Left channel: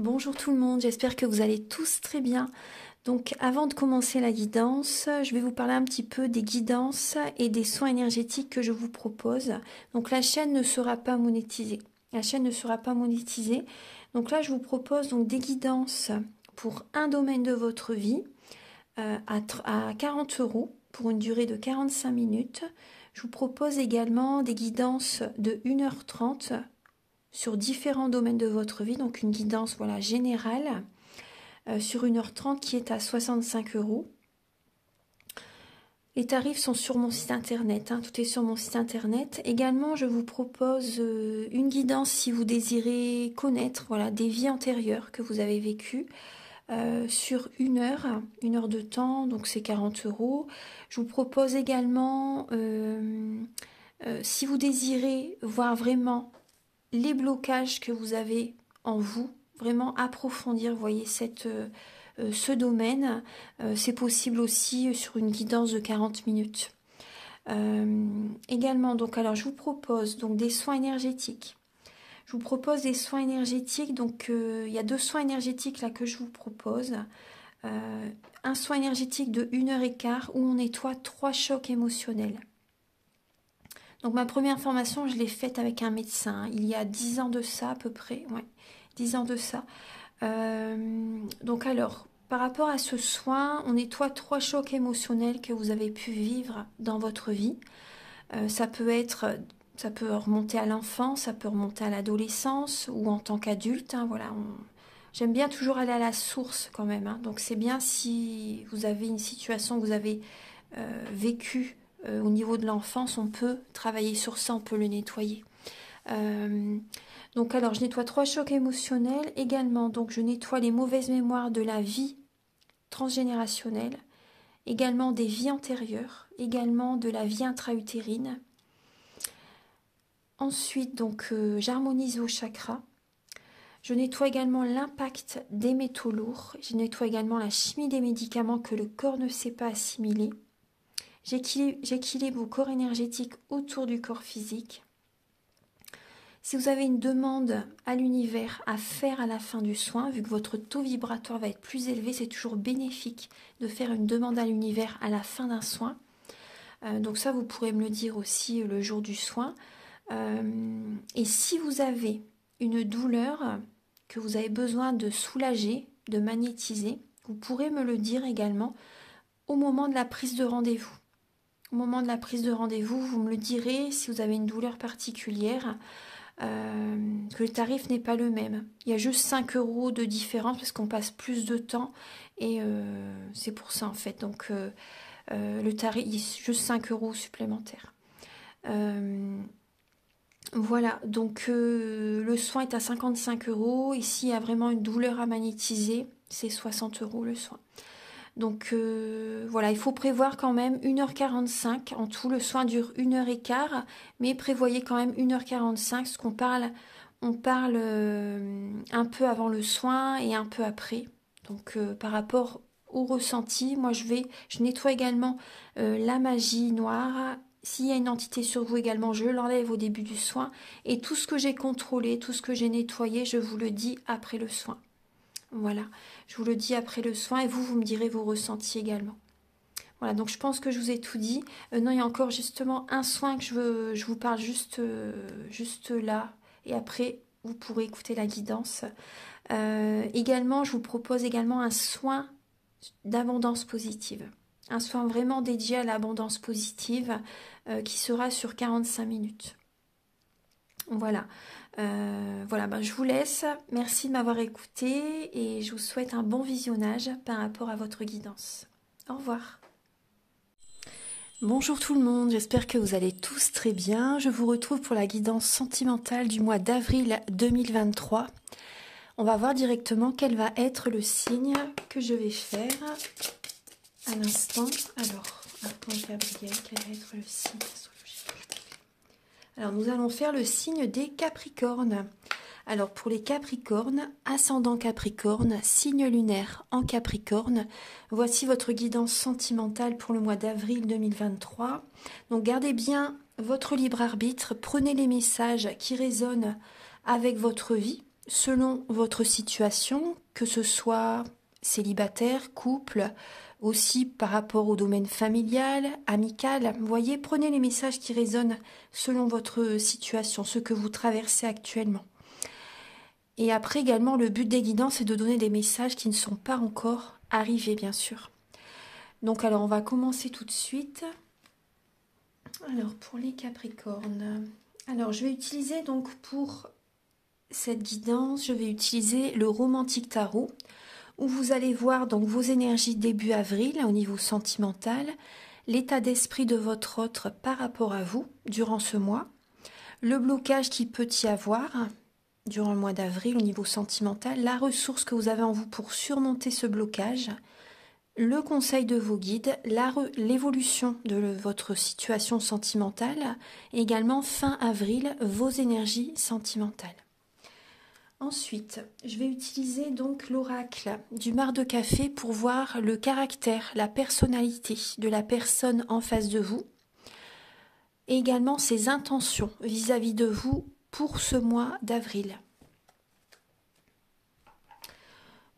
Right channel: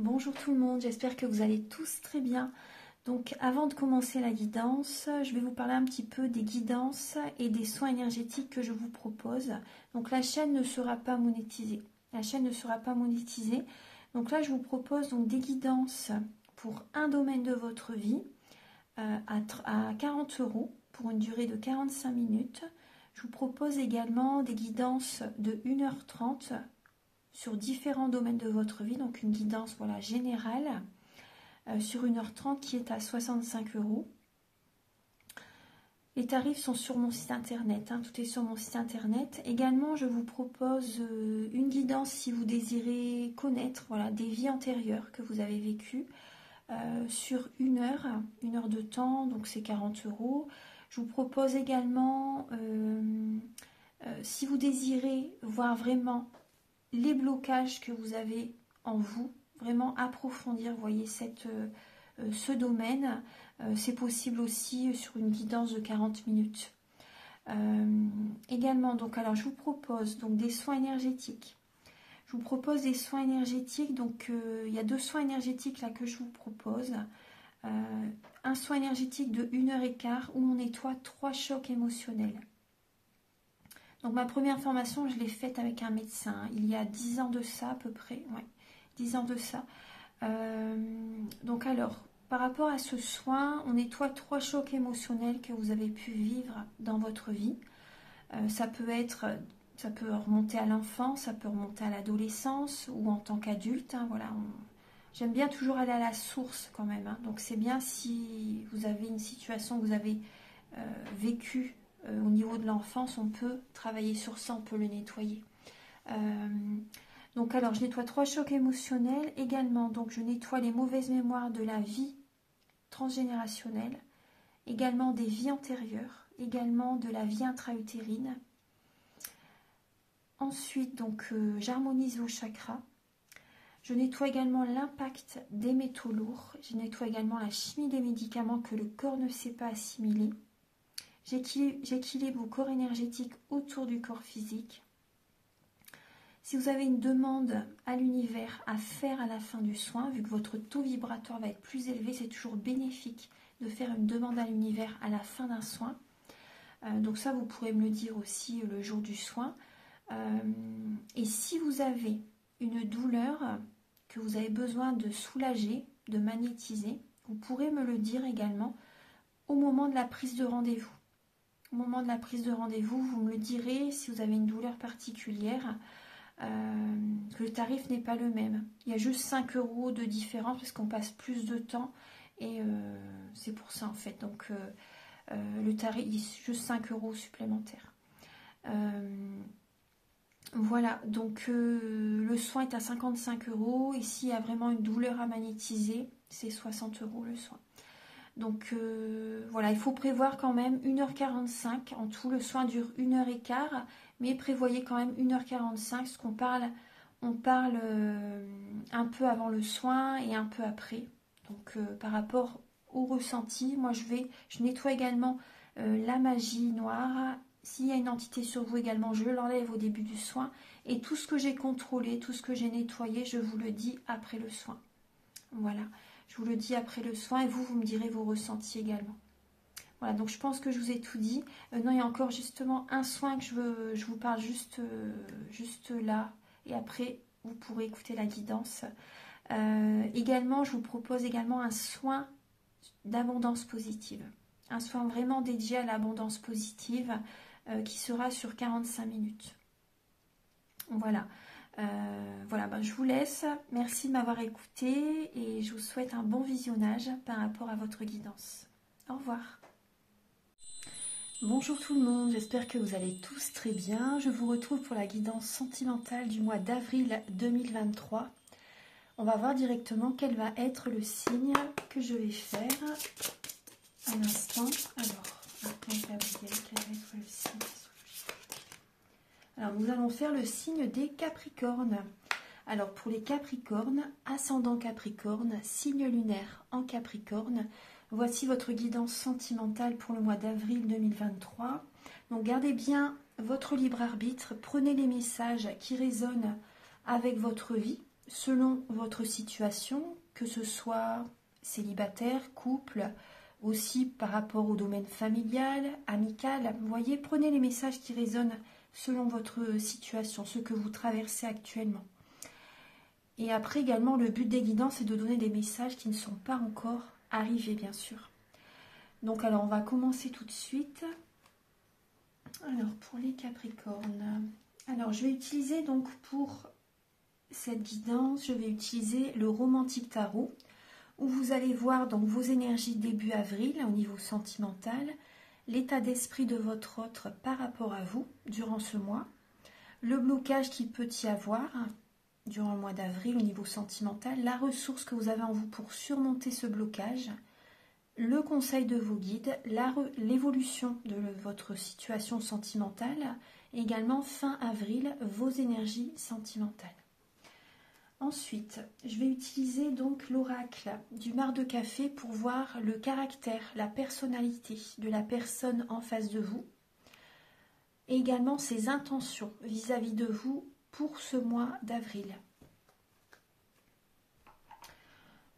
Bonjour tout le monde, j'espère que vous allez tous très bien. Donc avant de commencer la guidance, je vais vous parler un petit peu des guidances et des soins énergétiques que je vous propose. Donc la chaîne ne sera pas monétisée. La chaîne ne sera pas monétisée. Donc là je vous propose donc des guidances pour un domaine de votre vie à 40 € pour une durée de 45 minutes. Je vous propose également des guidances de 1h30 sur différents domaines de votre vie, donc une guidance voilà, générale sur 1h30 qui est à 65 €. Les tarifs sont sur mon site internet, hein, tout est sur mon site internet. Également, je vous propose une guidance si vous désirez connaître voilà, des vies antérieures que vous avez vécues sur une heure de temps, donc c'est 40 €. Je vous propose également, si vous désirez voir vraiment les blocages que vous avez en vous, vraiment approfondir, vous voyez, ce domaine, c'est possible aussi sur une guidance de 40 minutes. Également, donc, alors je vous propose donc des soins énergétiques. Je vous propose des soins énergétiques, donc il y a 2 soins énergétiques là que je vous propose. Un soin énergétique de 1h15 où on nettoie 3 chocs émotionnels. Donc ma première formation, je l'ai faite avec un médecin, il y a 10 ans de ça à peu près, ouais, 10 ans de ça. Donc alors, par rapport à ce soin, on nettoie 3 chocs émotionnels que vous avez pu vivre dans votre vie. Ça peut remonter à l'enfance, ça peut remonter à l'adolescence ou en tant qu'adulte, hein, voilà. J'aime bien toujours aller à la source quand même, hein. Donc c'est bien si vous avez une situation que vous avez vécue au niveau de l'enfance, on peut travailler sur ça, on peut le nettoyer. Donc alors je nettoie 3 chocs émotionnels également, donc je nettoie les mauvaises mémoires de la vie transgénérationnelle, également des vies antérieures, également de la vie intra-utérine. Ensuite donc j'harmonise vos chakras. Je nettoie également l'impact des métaux lourds. Je nettoie également la chimie des médicaments que le corps ne sait pas assimiler. J'équilibre vos corps énergétiques autour du corps physique. Si vous avez une demande à l'univers à faire à la fin du soin, vu que votre taux vibratoire va être plus élevé, c'est toujours bénéfique de faire une demande à l'univers à la fin d'un soin. Donc ça, vous pourrez me le dire aussi le jour du soin. Et si vous avez une douleur que vous avez besoin de soulager, de magnétiser, vous pourrez me le dire également au moment de la prise de rendez-vous. Au moment de la prise de rendez-vous, vous me le direz si vous avez une douleur particulière, que le tarif n'est pas le même. Il y a juste 5 € de différence parce qu'on passe plus de temps et c'est pour ça en fait. Donc le tarif, il y a juste 5 € supplémentaires. Voilà, donc le soin est à 55 €. Ici, il y a vraiment une douleur à magnétiser, c'est 60 € le soin. Donc voilà, il faut prévoir quand même 1h45. En tout, le soin dure 1h15, mais prévoyez quand même 1h45, parce qu'on parle, on parle un peu avant le soin et un peu après. Donc par rapport au ressenti, moi je nettoie également la magie noire. S'il y a une entité sur vous également, je l'enlève au début du soin. Et tout ce que j'ai contrôlé, tout ce que j'ai nettoyé, je vous le dis après le soin. Voilà, je vous le dis après le soin et vous me direz vos ressentis également. Voilà, donc je pense que je vous ai tout dit. Non, il y a encore justement un soin que je vous parle juste là. Et après, vous pourrez écouter la guidance. Également, je vous propose également un soin d'abondance positive. Un soin vraiment dédié à l'abondance positive qui sera sur 45 minutes. Voilà. Voilà, ben, je vous laisse. Merci de m'avoir écouté et je vous souhaite un bon visionnage par rapport à votre guidance. Au revoir. Bonjour tout le monde, j'espère que vous allez tous très bien. Je vous retrouve pour la guidance sentimentale du mois d'avril 2023. On va voir directement quel va être le signe que je vais faire. Un instant. Alors, Gabriel, quel va être le signe? Alors, nous allons faire le signe des Capricornes. Alors, pour les Capricornes, ascendant Capricorne, signe lunaire en Capricorne, voici votre guidance sentimentale pour le mois d'avril 2023. Donc, gardez bien votre libre arbitre, prenez les messages qui résonnent avec votre vie, selon votre situation, que ce soit célibataire, couple, aussi par rapport au domaine familial, amical. Vous voyez, prenez les messages qui résonnent selon votre situation, ce que vous traversez actuellement. Et après également, le but des guidances, c'est de donner des messages qui ne sont pas encore arrivés, bien sûr. Donc alors, on va commencer tout de suite. Alors, pour les Capricornes, alors je vais utiliser donc pour cette guidance, je vais utiliser le Romantique Tarot, où vous allez voir donc vos énergies début avril au niveau sentimental, l'état d'esprit de votre autre par rapport à vous durant ce mois, le blocage qui peut y avoir durant le mois d'avril au niveau sentimental, la ressource que vous avez en vous pour surmonter ce blocage, le conseil de vos guides, l'évolution de votre situation sentimentale, et également fin avril, vos énergies sentimentales. Ensuite, je vais utiliser donc l'oracle du marc de café pour voir le caractère, la personnalité de la personne en face de vous, et également ses intentions vis-à-vis de vous pour ce mois d'avril.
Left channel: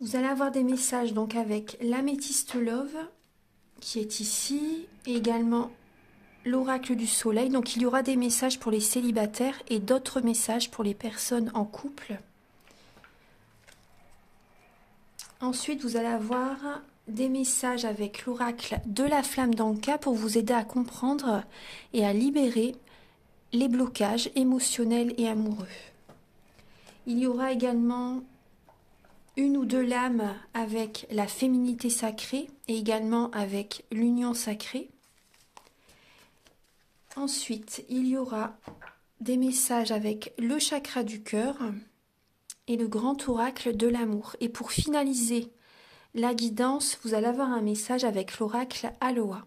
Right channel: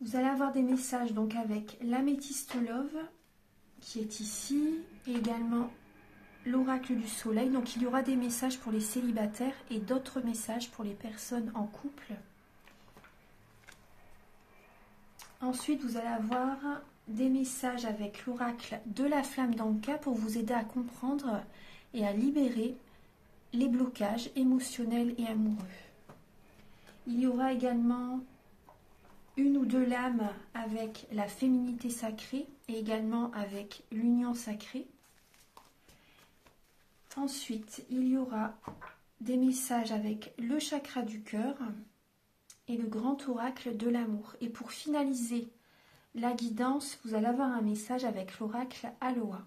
Vous allez avoir des messages donc avec l'améthyste love qui est ici, et également l'oracle du soleil. Donc il y aura des messages pour les célibataires et d'autres messages pour les personnes en couple. Ensuite, vous allez avoir des messages avec l'oracle de la flamme d'Anka pour vous aider à comprendre et à libérer les blocages émotionnels et amoureux. Il y aura également une ou deux lames avec la féminité sacrée et également avec l'union sacrée. Ensuite, il y aura des messages avec le chakra du cœur et le grand oracle de l'amour. Et pour finaliser la guidance, vous allez avoir un message avec l'oracle Aloha,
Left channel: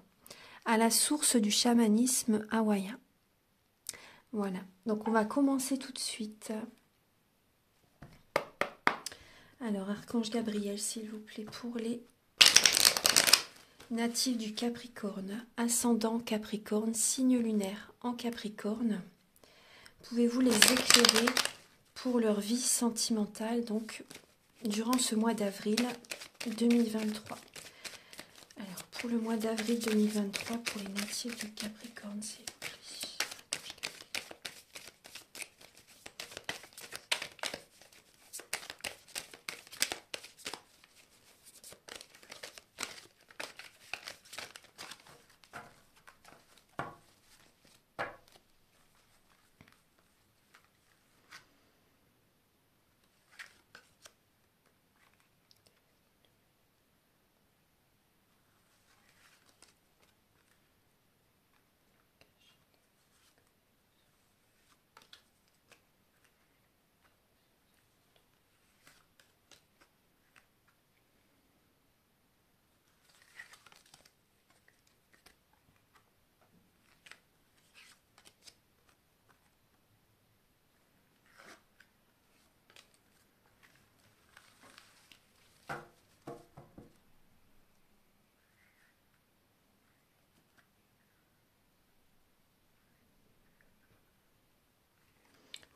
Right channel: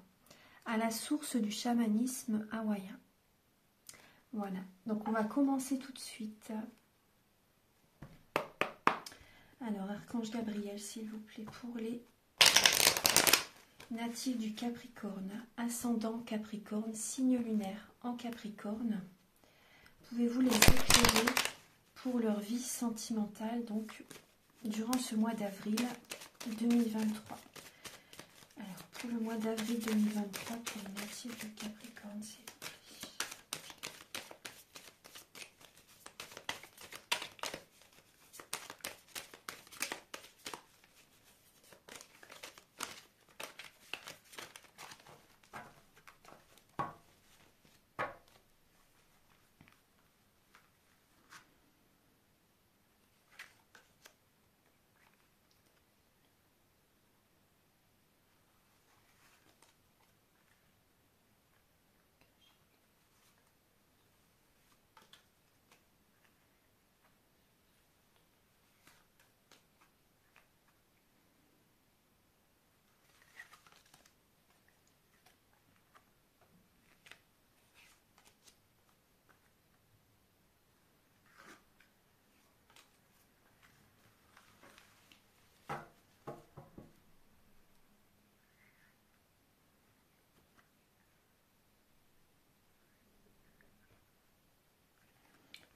à la source du chamanisme hawaïen. Voilà, donc on va commencer tout de suite. Alors, Archange Gabriel, s'il vous plaît, pour les natifs du Capricorne, ascendant Capricorne, signe lunaire en Capricorne. Pouvez-vous les éclairer pour leur vie sentimentale, donc durant ce mois d'avril 2023. Alors, pour le mois d'avril 2023, pour les natifs du Capricorne, c'est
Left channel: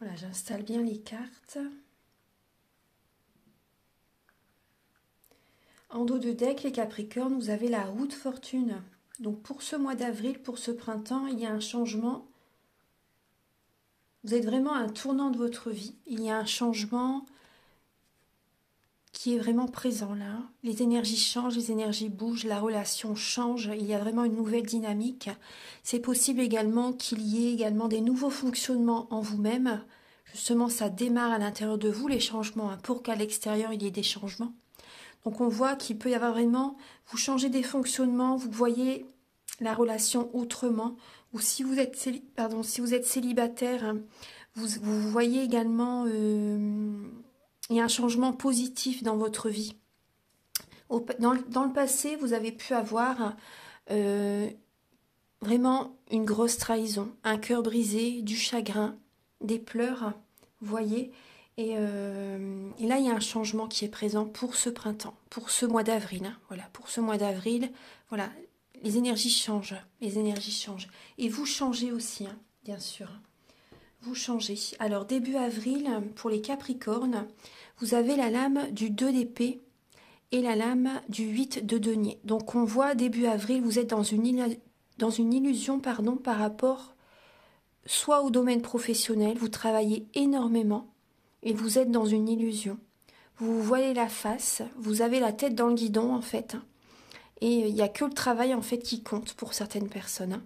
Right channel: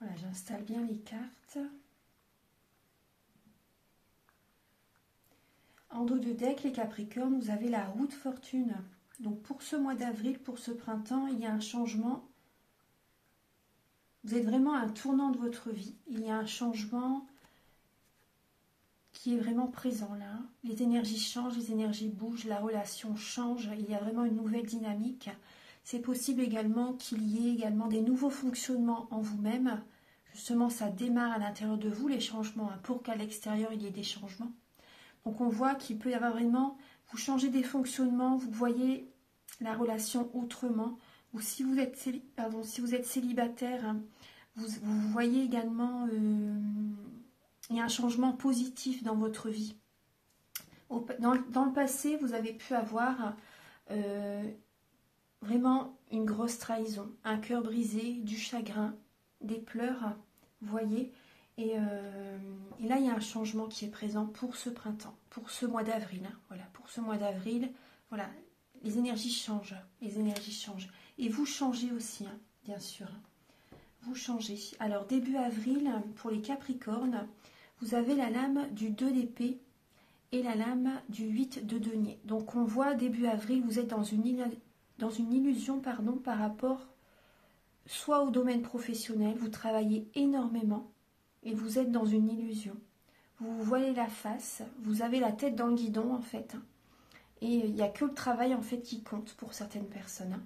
voilà, j'installe bien les cartes. En dos de deck, les Capricornes, vous avez la roue de fortune. Donc pour ce mois d'avril, pour ce printemps, il y a un changement. Vous êtes vraiment à un tournant de votre vie. Il y a un changement qui est vraiment présent là. Les énergies changent, les énergies bougent, la relation change. Il y a vraiment une nouvelle dynamique. C'est possible également qu'il y ait également des nouveaux fonctionnements en vous-même. Justement, ça démarre à l'intérieur de vous, les changements, pour qu'à l'extérieur, il y ait des changements. Donc, on voit qu'il peut y avoir vraiment, vous changez des fonctionnements, vous voyez la relation autrement. Ou si vous êtes, si vous êtes célibataire, vous voyez également, il y a un changement positif dans votre vie. Dans le passé, vous avez pu avoir vraiment une grosse trahison, un cœur brisé, du chagrin, des pleurs, vous voyez. Et là, il y a un changement qui est présent pour ce printemps, pour ce mois d'avril. Hein, voilà, pour ce mois d'avril, voilà, les énergies changent, les énergies changent. Et vous changez aussi, hein, bien sûr. vous changez. Alors, début avril, pour les Capricornes, vous avez la lame du 2 d'épée et la lame du 8 de denier. Donc, on voit début avril, vous êtes dans une illusion pardon, par rapport soit au domaine professionnel, vous travaillez énormément et vous êtes dans une illusion. Vous vous voilez la face, vous avez la tête dans le guidon en fait. Et il n'y a que le travail en fait qui compte pour certaines personnes.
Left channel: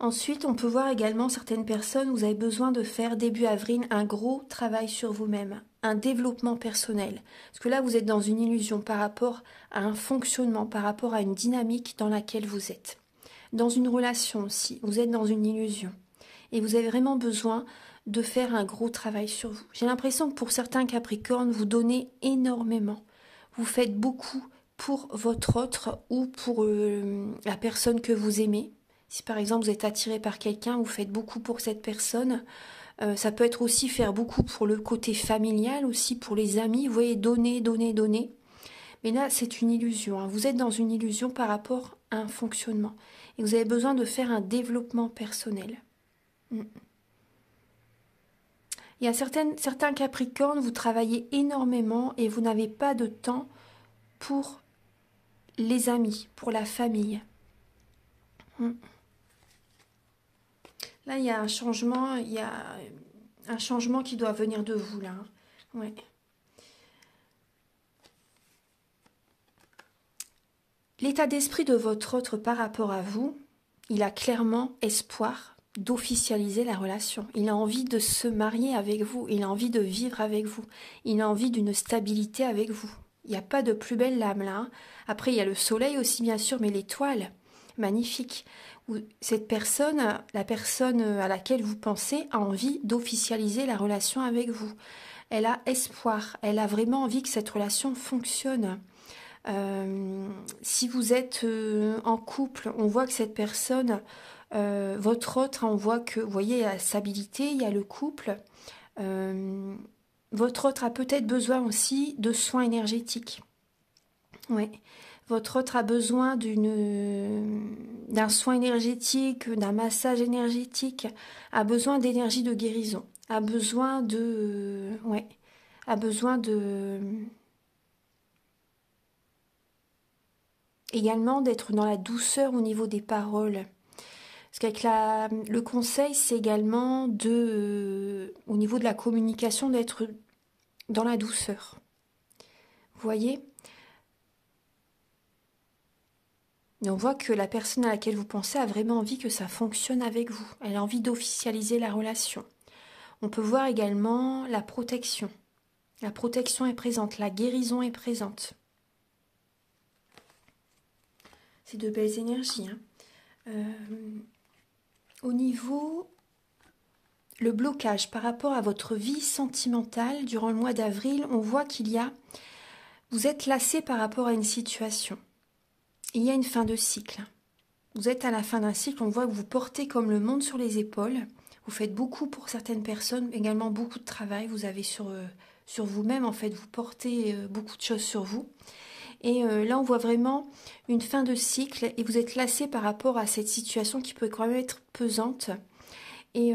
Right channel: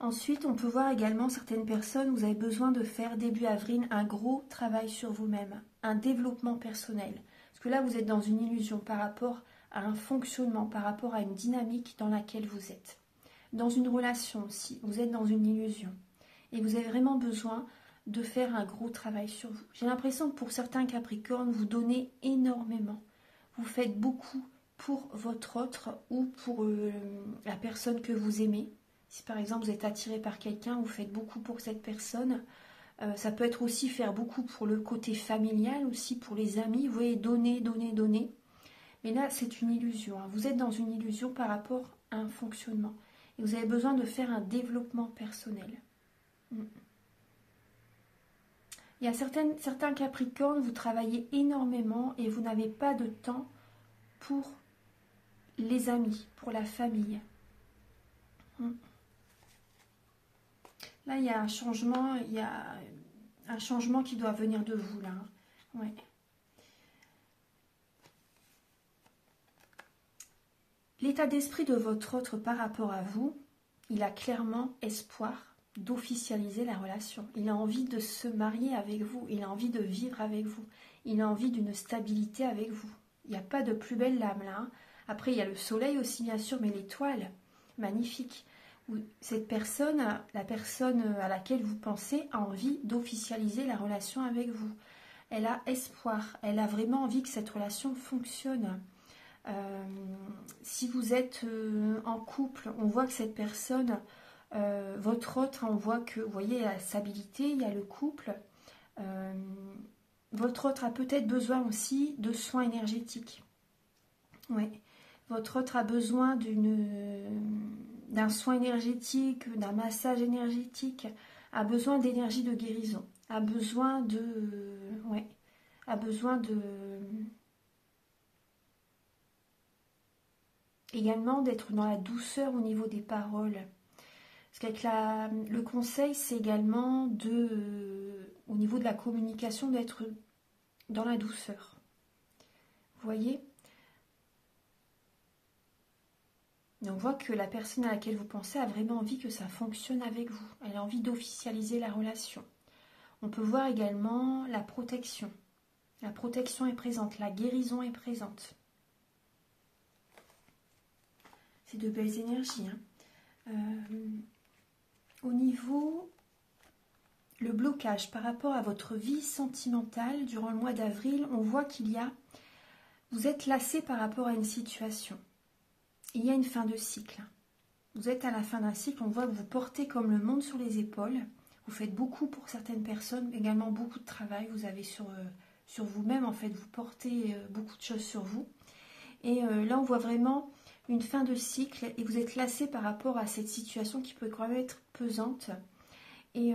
Ensuite, on peut voir également certaines personnes, vous avez besoin de faire début avril un gros travail sur vous-même, un développement personnel. Parce que là, vous êtes dans une illusion par rapport à un fonctionnement, par rapport à une dynamique dans laquelle vous êtes. Dans une relation aussi, vous êtes dans une illusion. Et vous avez vraiment besoin de faire un gros travail sur vous. J'ai l'impression que pour certains Capricornes, vous donnez énormément. Vous faites beaucoup pour votre autre ou pour la personne que vous aimez. Si par exemple vous êtes attiré par quelqu'un, vous faites beaucoup pour cette personne. Ça peut être aussi faire beaucoup pour le côté familial, aussi pour les amis. Vous voyez, donner, donner, donner. Mais là, c'est une illusion. Hein. Vous êtes dans une illusion par rapport à un fonctionnement. Et vous avez besoin de faire un développement personnel. Il y a certains Capricornes, vous travaillez énormément et vous n'avez pas de temps pour les amis, pour la famille. Là, il y a un changement, qui doit venir de vous, là. Ouais. L'état d'esprit de votre autre par rapport à vous, il a clairement espoir d'officialiser la relation. Il a envie de se marier avec vous, il a envie de vivre avec vous, il a envie d'une stabilité avec vous. Il n'y a pas de plus belle lame, là. Après, il y a le soleil aussi, bien sûr, mais l'étoile, magnifique. Cette personne, la personne à laquelle vous pensez, a envie d'officialiser la relation avec vous. Elle a espoir, elle a vraiment envie que cette relation fonctionne. Si vous êtes en couple, on voit que cette personne, votre autre, on voit que, vous voyez, il y a la stabilité, il y a le couple. Votre autre a peut-être besoin aussi de soins énergétiques. Oui. Votre autre a besoin d'un soin énergétique, d'un massage énergétique, a besoin d'énergie de guérison, a besoin également d'être dans la douceur au niveau des paroles. Parce qu'avec le conseil, c'est également au niveau de la communication, d'être dans la douceur. Vous voyez ? Et on voit que la personne à laquelle vous pensez a vraiment envie que ça fonctionne avec vous. Elle a envie d'officialiser la relation. On peut voir également la protection. La protection est présente, la guérison est présente. C'est de belles énergies. Au niveau, le blocage par rapport à votre vie sentimentale durant le mois d'avril, on voit vous êtes lassé par rapport à une situation. Il y a une fin de cycle. Vous êtes à la fin d'un cycle, on voit que vous portez comme le monde sur les épaules. Vous faites beaucoup pour certaines personnes, également beaucoup de travail. Vous avez sur vous-même, en fait, vous portez beaucoup de choses sur vous. Et là, on voit vraiment une fin de cycle et vous êtes lassé par rapport à cette situation qui peut quand même être pesante. Et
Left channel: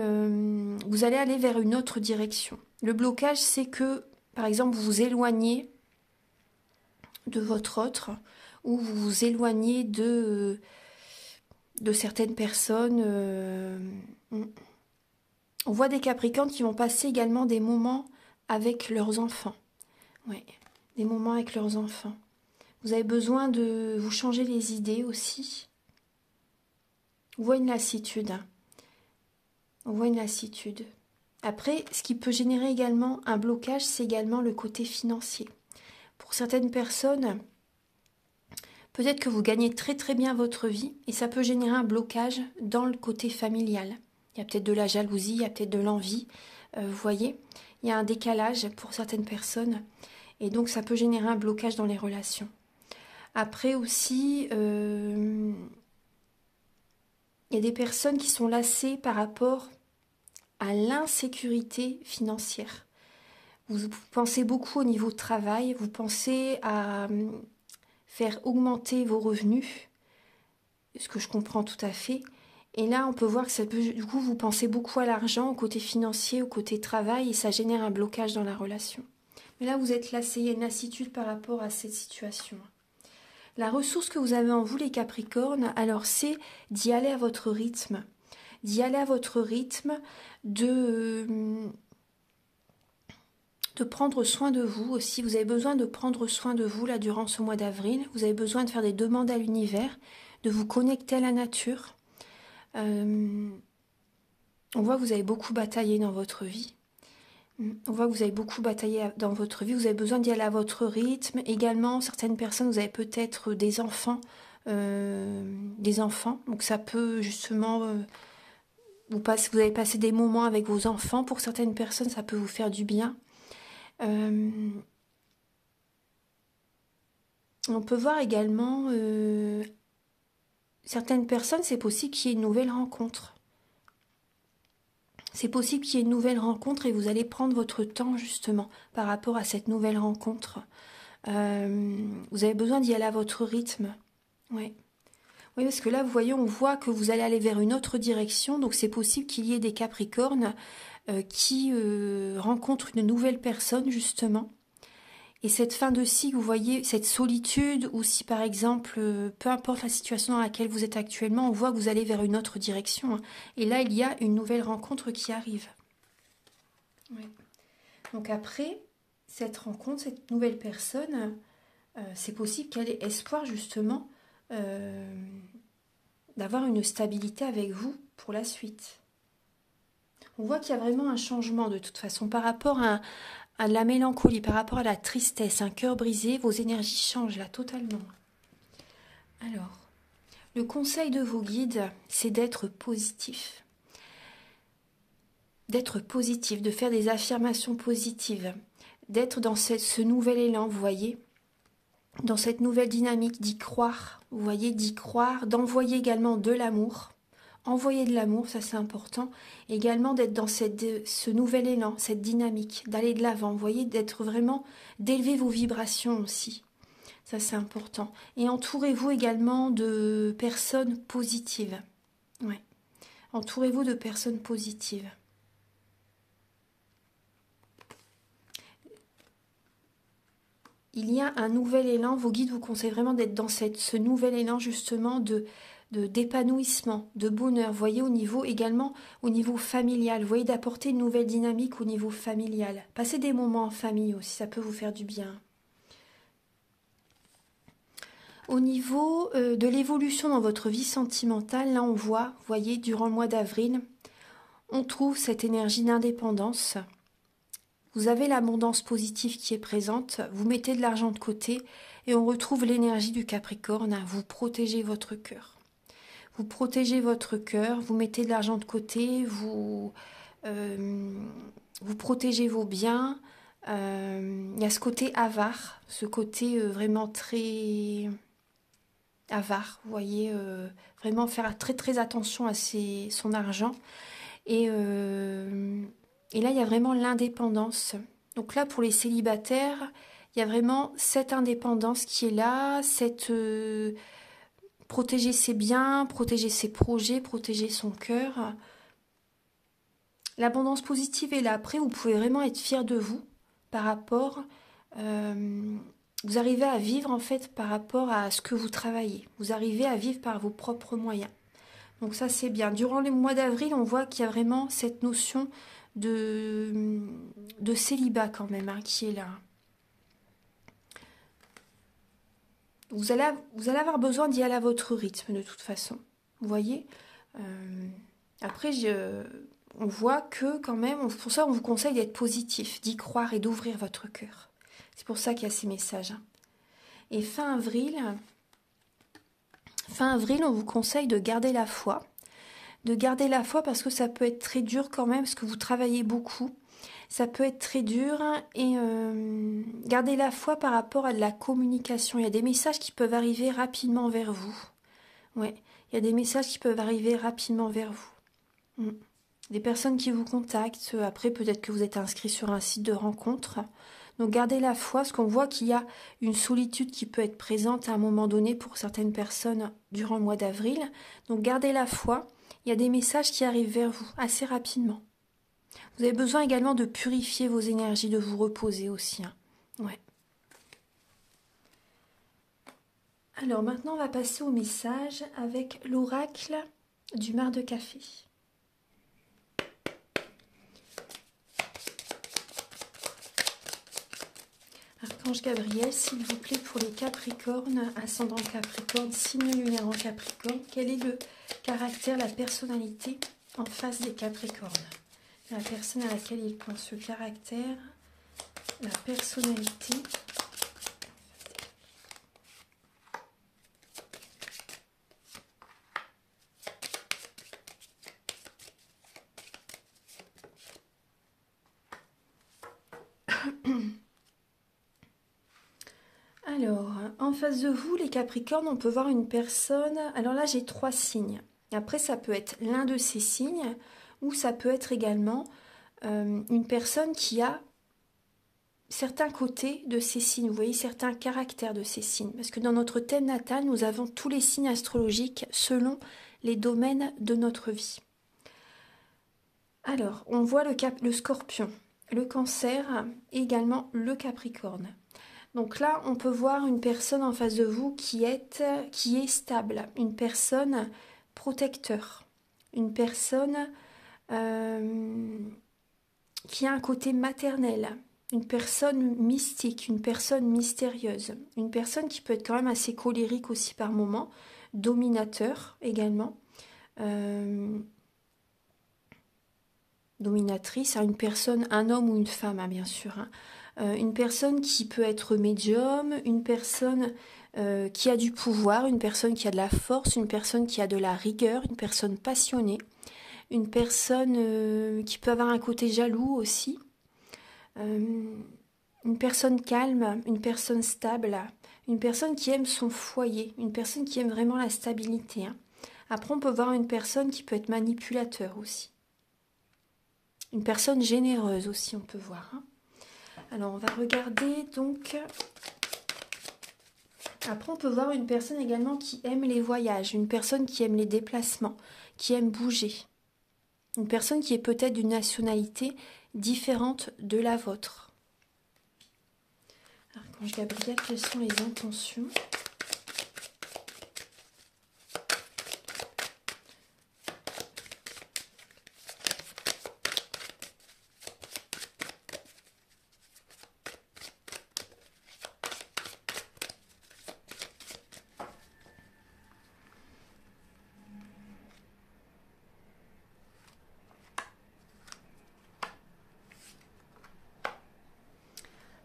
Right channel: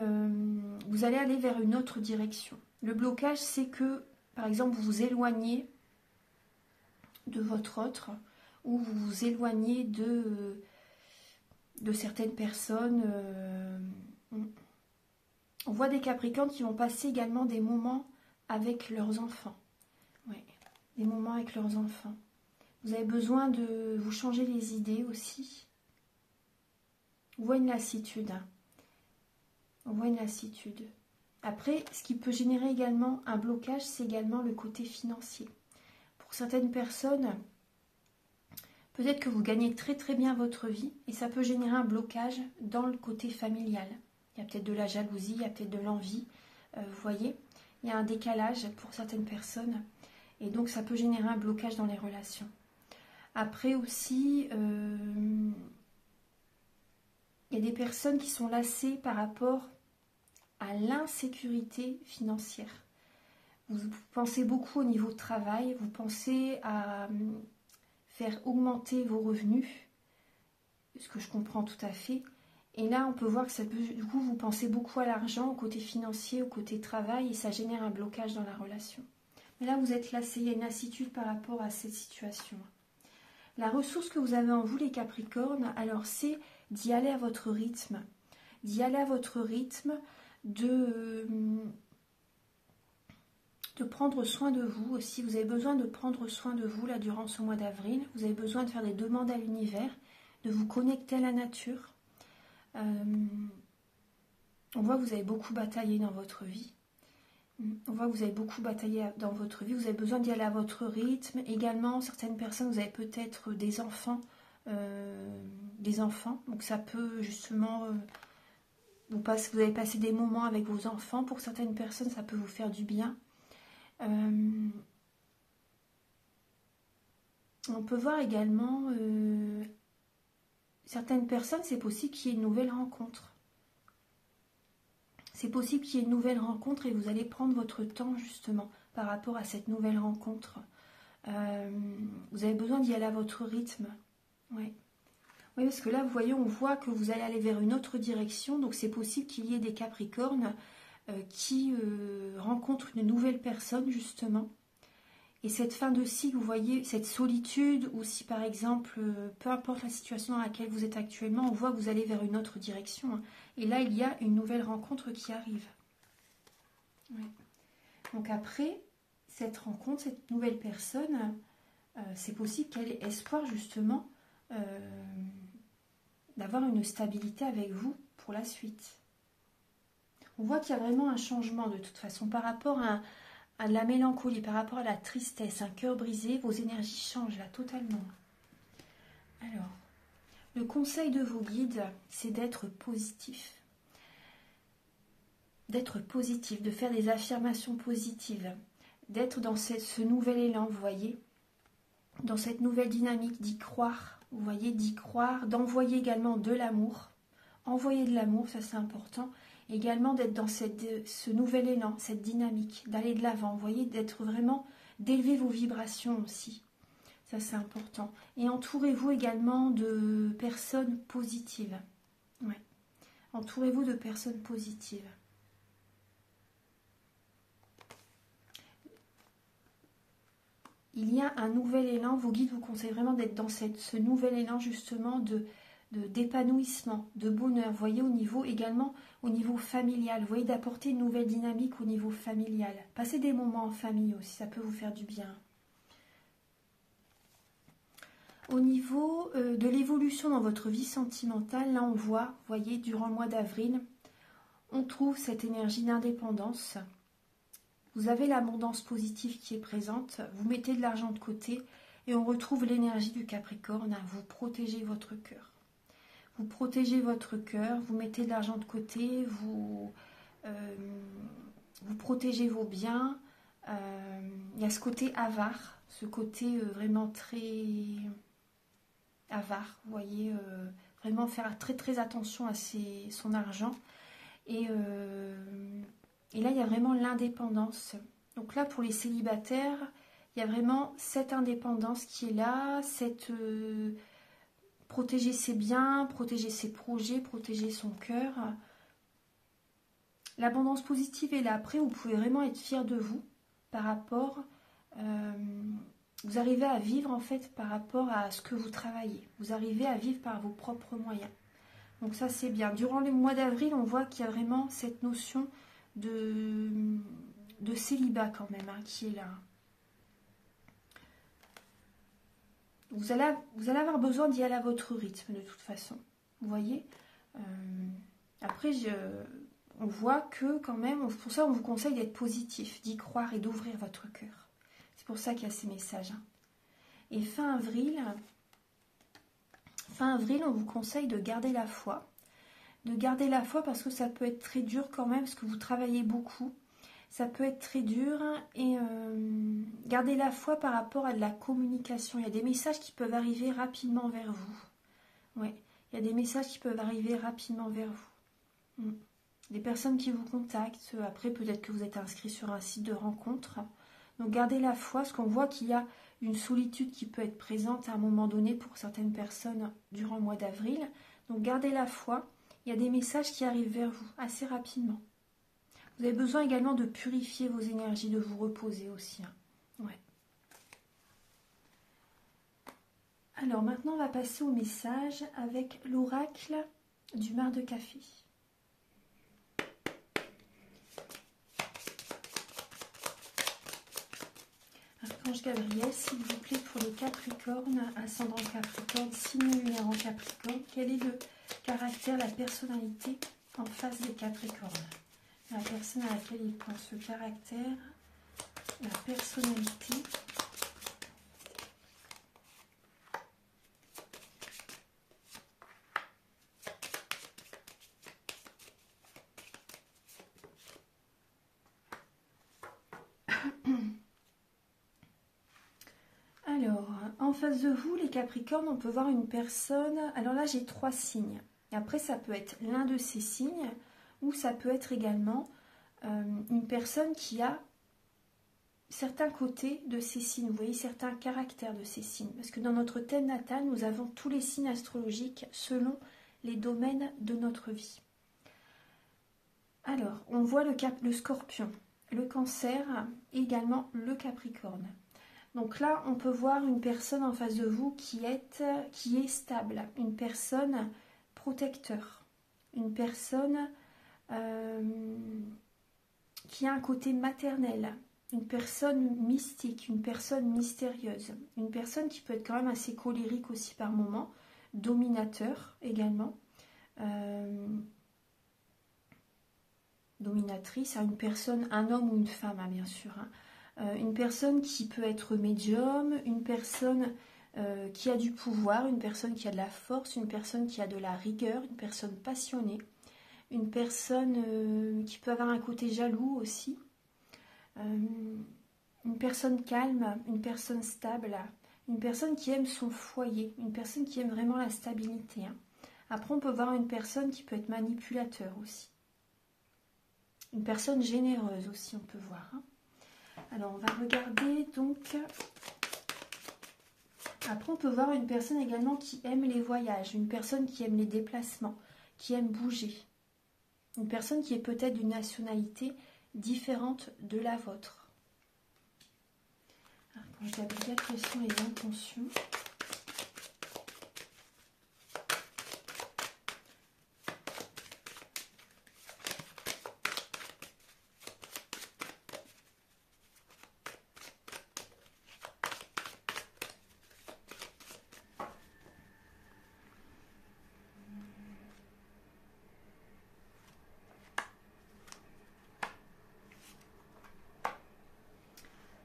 vous allez aller vers une autre direction. Le blocage, c'est que, par exemple, vous vous éloignez de votre autre, ou vous vous éloignez de certaines personnes. On voit des Capricornes qui vont passer également des moments avec leurs enfants. Ouais, des moments avec leurs enfants. Vous avez besoin de vous changer les idées aussi. On voit une lassitude. On voit une lassitude. Après, ce qui peut générer également un blocage, c'est également le côté financier. Pour certaines personnes, peut-être que vous gagnez très très bien votre vie et ça peut générer un blocage dans le côté familial. Il y a peut-être de la jalousie, il y a peut-être de l'envie. Vous voyez, il y a un décalage pour certaines personnes et donc ça peut générer un blocage dans les relations. Après aussi, il y a des personnes qui sont lassées par rapport à l'insécurité financière. Vous pensez beaucoup au niveau travail, vous pensez à faire augmenter vos revenus, ce que je comprends tout à fait, Et là, on peut voir que ça peut, du coup, vous pensez beaucoup à l'argent, au côté financier, au côté travail, et ça génère un blocage dans la relation. Mais là, vous êtes lassé, il y a une lassitude par rapport à cette situation. La ressource que vous avez en vous, les Capricornes, alors c'est d'y aller à votre rythme. D'y aller à votre rythme, de prendre soin de vous aussi. Vous avez besoin de prendre soin de vous là durant ce mois d'avril. Vous avez besoin de faire des demandes à l'univers, de vous connecter à la nature. On voit que vous avez beaucoup bataillé dans votre vie. On voit que vous avez beaucoup bataillé dans votre vie. Vous avez besoin d'y aller à votre rythme. Également, certaines personnes, vous avez peut-être des enfants. Donc ça peut justement... vous avez passé des moments avec vos enfants. Pour certaines personnes, ça peut vous faire du bien. On peut voir également certaines personnes, c'est possible qu'il y ait une nouvelle rencontre. C'est possible qu'il y ait une nouvelle rencontre et vous allez prendre votre temps justement par rapport à cette nouvelle rencontre. Vous avez besoin d'y aller à votre rythme. Ouais. Oui, parce que là, vous voyez, on voit que vous allez aller vers une autre direction. Donc c'est possible qu'il y ait des Capricornes qui rencontrent une nouvelle personne justement. Et cette fin de cycle, vous voyez, cette solitude, ou si par exemple, peu importe la situation dans laquelle vous êtes actuellement, on voit que vous allez vers une autre direction. Et là, il y a une nouvelle rencontre qui arrive. Ouais. Donc après, cette rencontre, cette nouvelle personne, c'est possible qu'elle ait espoir justement d'avoir une stabilité avec vous pour la suite. On voit qu'il y a vraiment un changement de toute façon par rapport à la mélancolie, par rapport à la tristesse, un cœur brisé, vos énergies changent là totalement. Alors, le conseil de vos guides, c'est d'être positif. D'être positif, de faire des affirmations positives, d'être dans ce nouvel élan, vous voyez, dans cette nouvelle dynamique, d'y croire, vous voyez, d'y croire, d'envoyer également de l'amour. Envoyer de l'amour, ça c'est important. Également d'être dans ce nouvel élan, cette dynamique, d'aller de l'avant. Vous voyez, d'être vraiment, d'élever vos vibrations aussi. Ça c'est important. Et entourez-vous également de personnes positives. Ouais. Entourez-vous de personnes positives. Il y a un nouvel élan. Vos guides vous conseillent vraiment d'être dans ce nouvel élan justement d'épanouissement, de bonheur, vous voyez, au niveau également, au niveau familial, vous voyez, d'apporter une nouvelle dynamique au niveau familial. Passez des moments en famille aussi, ça peut vous faire du bien. Au niveau de l'évolution dans votre vie sentimentale, là on voit, vous voyez, durant le mois d'avril, on trouve cette énergie d'indépendance. Vous avez l'abondance positive qui est présente, vous mettez de l'argent de côté et on retrouve l'énergie du Capricorne, vous protégez votre cœur. Vous protégez votre cœur, vous mettez de l'argent de côté, vous protégez vos biens. Il y a ce côté avare, ce côté vraiment très avare, vous voyez, vraiment faire très très attention à son argent. Et là, il y a vraiment l'indépendance. Donc là, pour les célibataires, il y a vraiment cette indépendance qui est là, cette... protéger ses biens, protéger ses projets, protéger son cœur. L'abondance positive est là. Après, vous pouvez vraiment être fier de vous par rapport... vous arrivez à vivre en fait par rapport à ce que vous travaillez. Vous arrivez à vivre par vos propres moyens. Donc ça, c'est bien. Durant les mois d'avril, on voit qu'il y a vraiment cette notion de célibat quand même qui est là. Vous allez avoir besoin d'y aller à votre rythme de toute façon. Vous voyez après, on voit que quand même, pour ça on vous conseille d'être positif, d'y croire et d'ouvrir votre cœur. C'est pour ça qu'il y a ces messages. Et fin avril, on vous conseille de garder la foi. De garder la foi parce que ça peut être très dur quand même, parce que vous travaillez beaucoup. Ça peut être très dur et gardez la foi par rapport à de la communication. Il y a des messages qui peuvent arriver rapidement vers vous. Ouais, il y a des messages qui peuvent arriver rapidement vers vous. Des personnes qui vous contactent. Après, peut-être que vous êtes inscrit sur un site de rencontre. Donc gardez la foi, parce qu'on voit qu'il y a une solitude qui peut être présente à un moment donné pour certaines personnes durant le mois d'avril. Donc gardez la foi il y a des messages qui arrivent vers vous assez rapidement. Vous avez besoin également de purifier vos énergies, de vous reposer aussi. Hein. Ouais. Alors maintenant, on va passer au message avec l'oracle du mar de café. Archange Gabriel, s'il vous plaît, pour les Capricornes, ascendant Capricorne, signe lunaire en Capricorne, quel est le caractère, la personnalité en face des Capricornes? La personne à laquelle il pense, le caractère, la personnalité. Alors, en face de vous, les Capricornes, on peut voir une personne. Alors là, j'ai 3 signes. Après, ça peut être l'un de ces signes, ou ça peut être également une personne qui a certains côtés de ces signes. Vous voyez, certains caractères de ces signes. Parce que dans notre thème natal, nous avons tous les signes astrologiques selon les domaines de notre vie. Alors, on voit le Scorpion, le Cancer et également le Capricorne. Donc là, on peut voir une personne en face de vous qui est stable, une personne protecteur, une personne qui a un côté maternel, une personne mystique, une personne mystérieuse, une personne qui peut être quand même assez colérique aussi par moments, dominateur également, dominatrice, une personne, un homme ou une femme, hein, bien sûr, hein. Une personne qui peut être médium, une personne qui a du pouvoir, une personne qui a de la force, une personne qui a de la rigueur, une personne passionnée, une personne qui peut avoir un côté jaloux aussi, une personne calme, une personne stable, une personne qui aime son foyer, une personne qui aime vraiment la stabilité. Hein. Après, on peut voir une personne qui peut être manipulateur aussi. Une personne généreuse aussi, on peut voir. Hein. Alors, on va regarder donc... Après, on peut voir une personne également qui aime les voyages, une personne qui aime les déplacements, qui aime bouger. Une personne qui est peut-être d'une nationalité différente de la vôtre. Archange Gabriel, quelles sont les intentions ?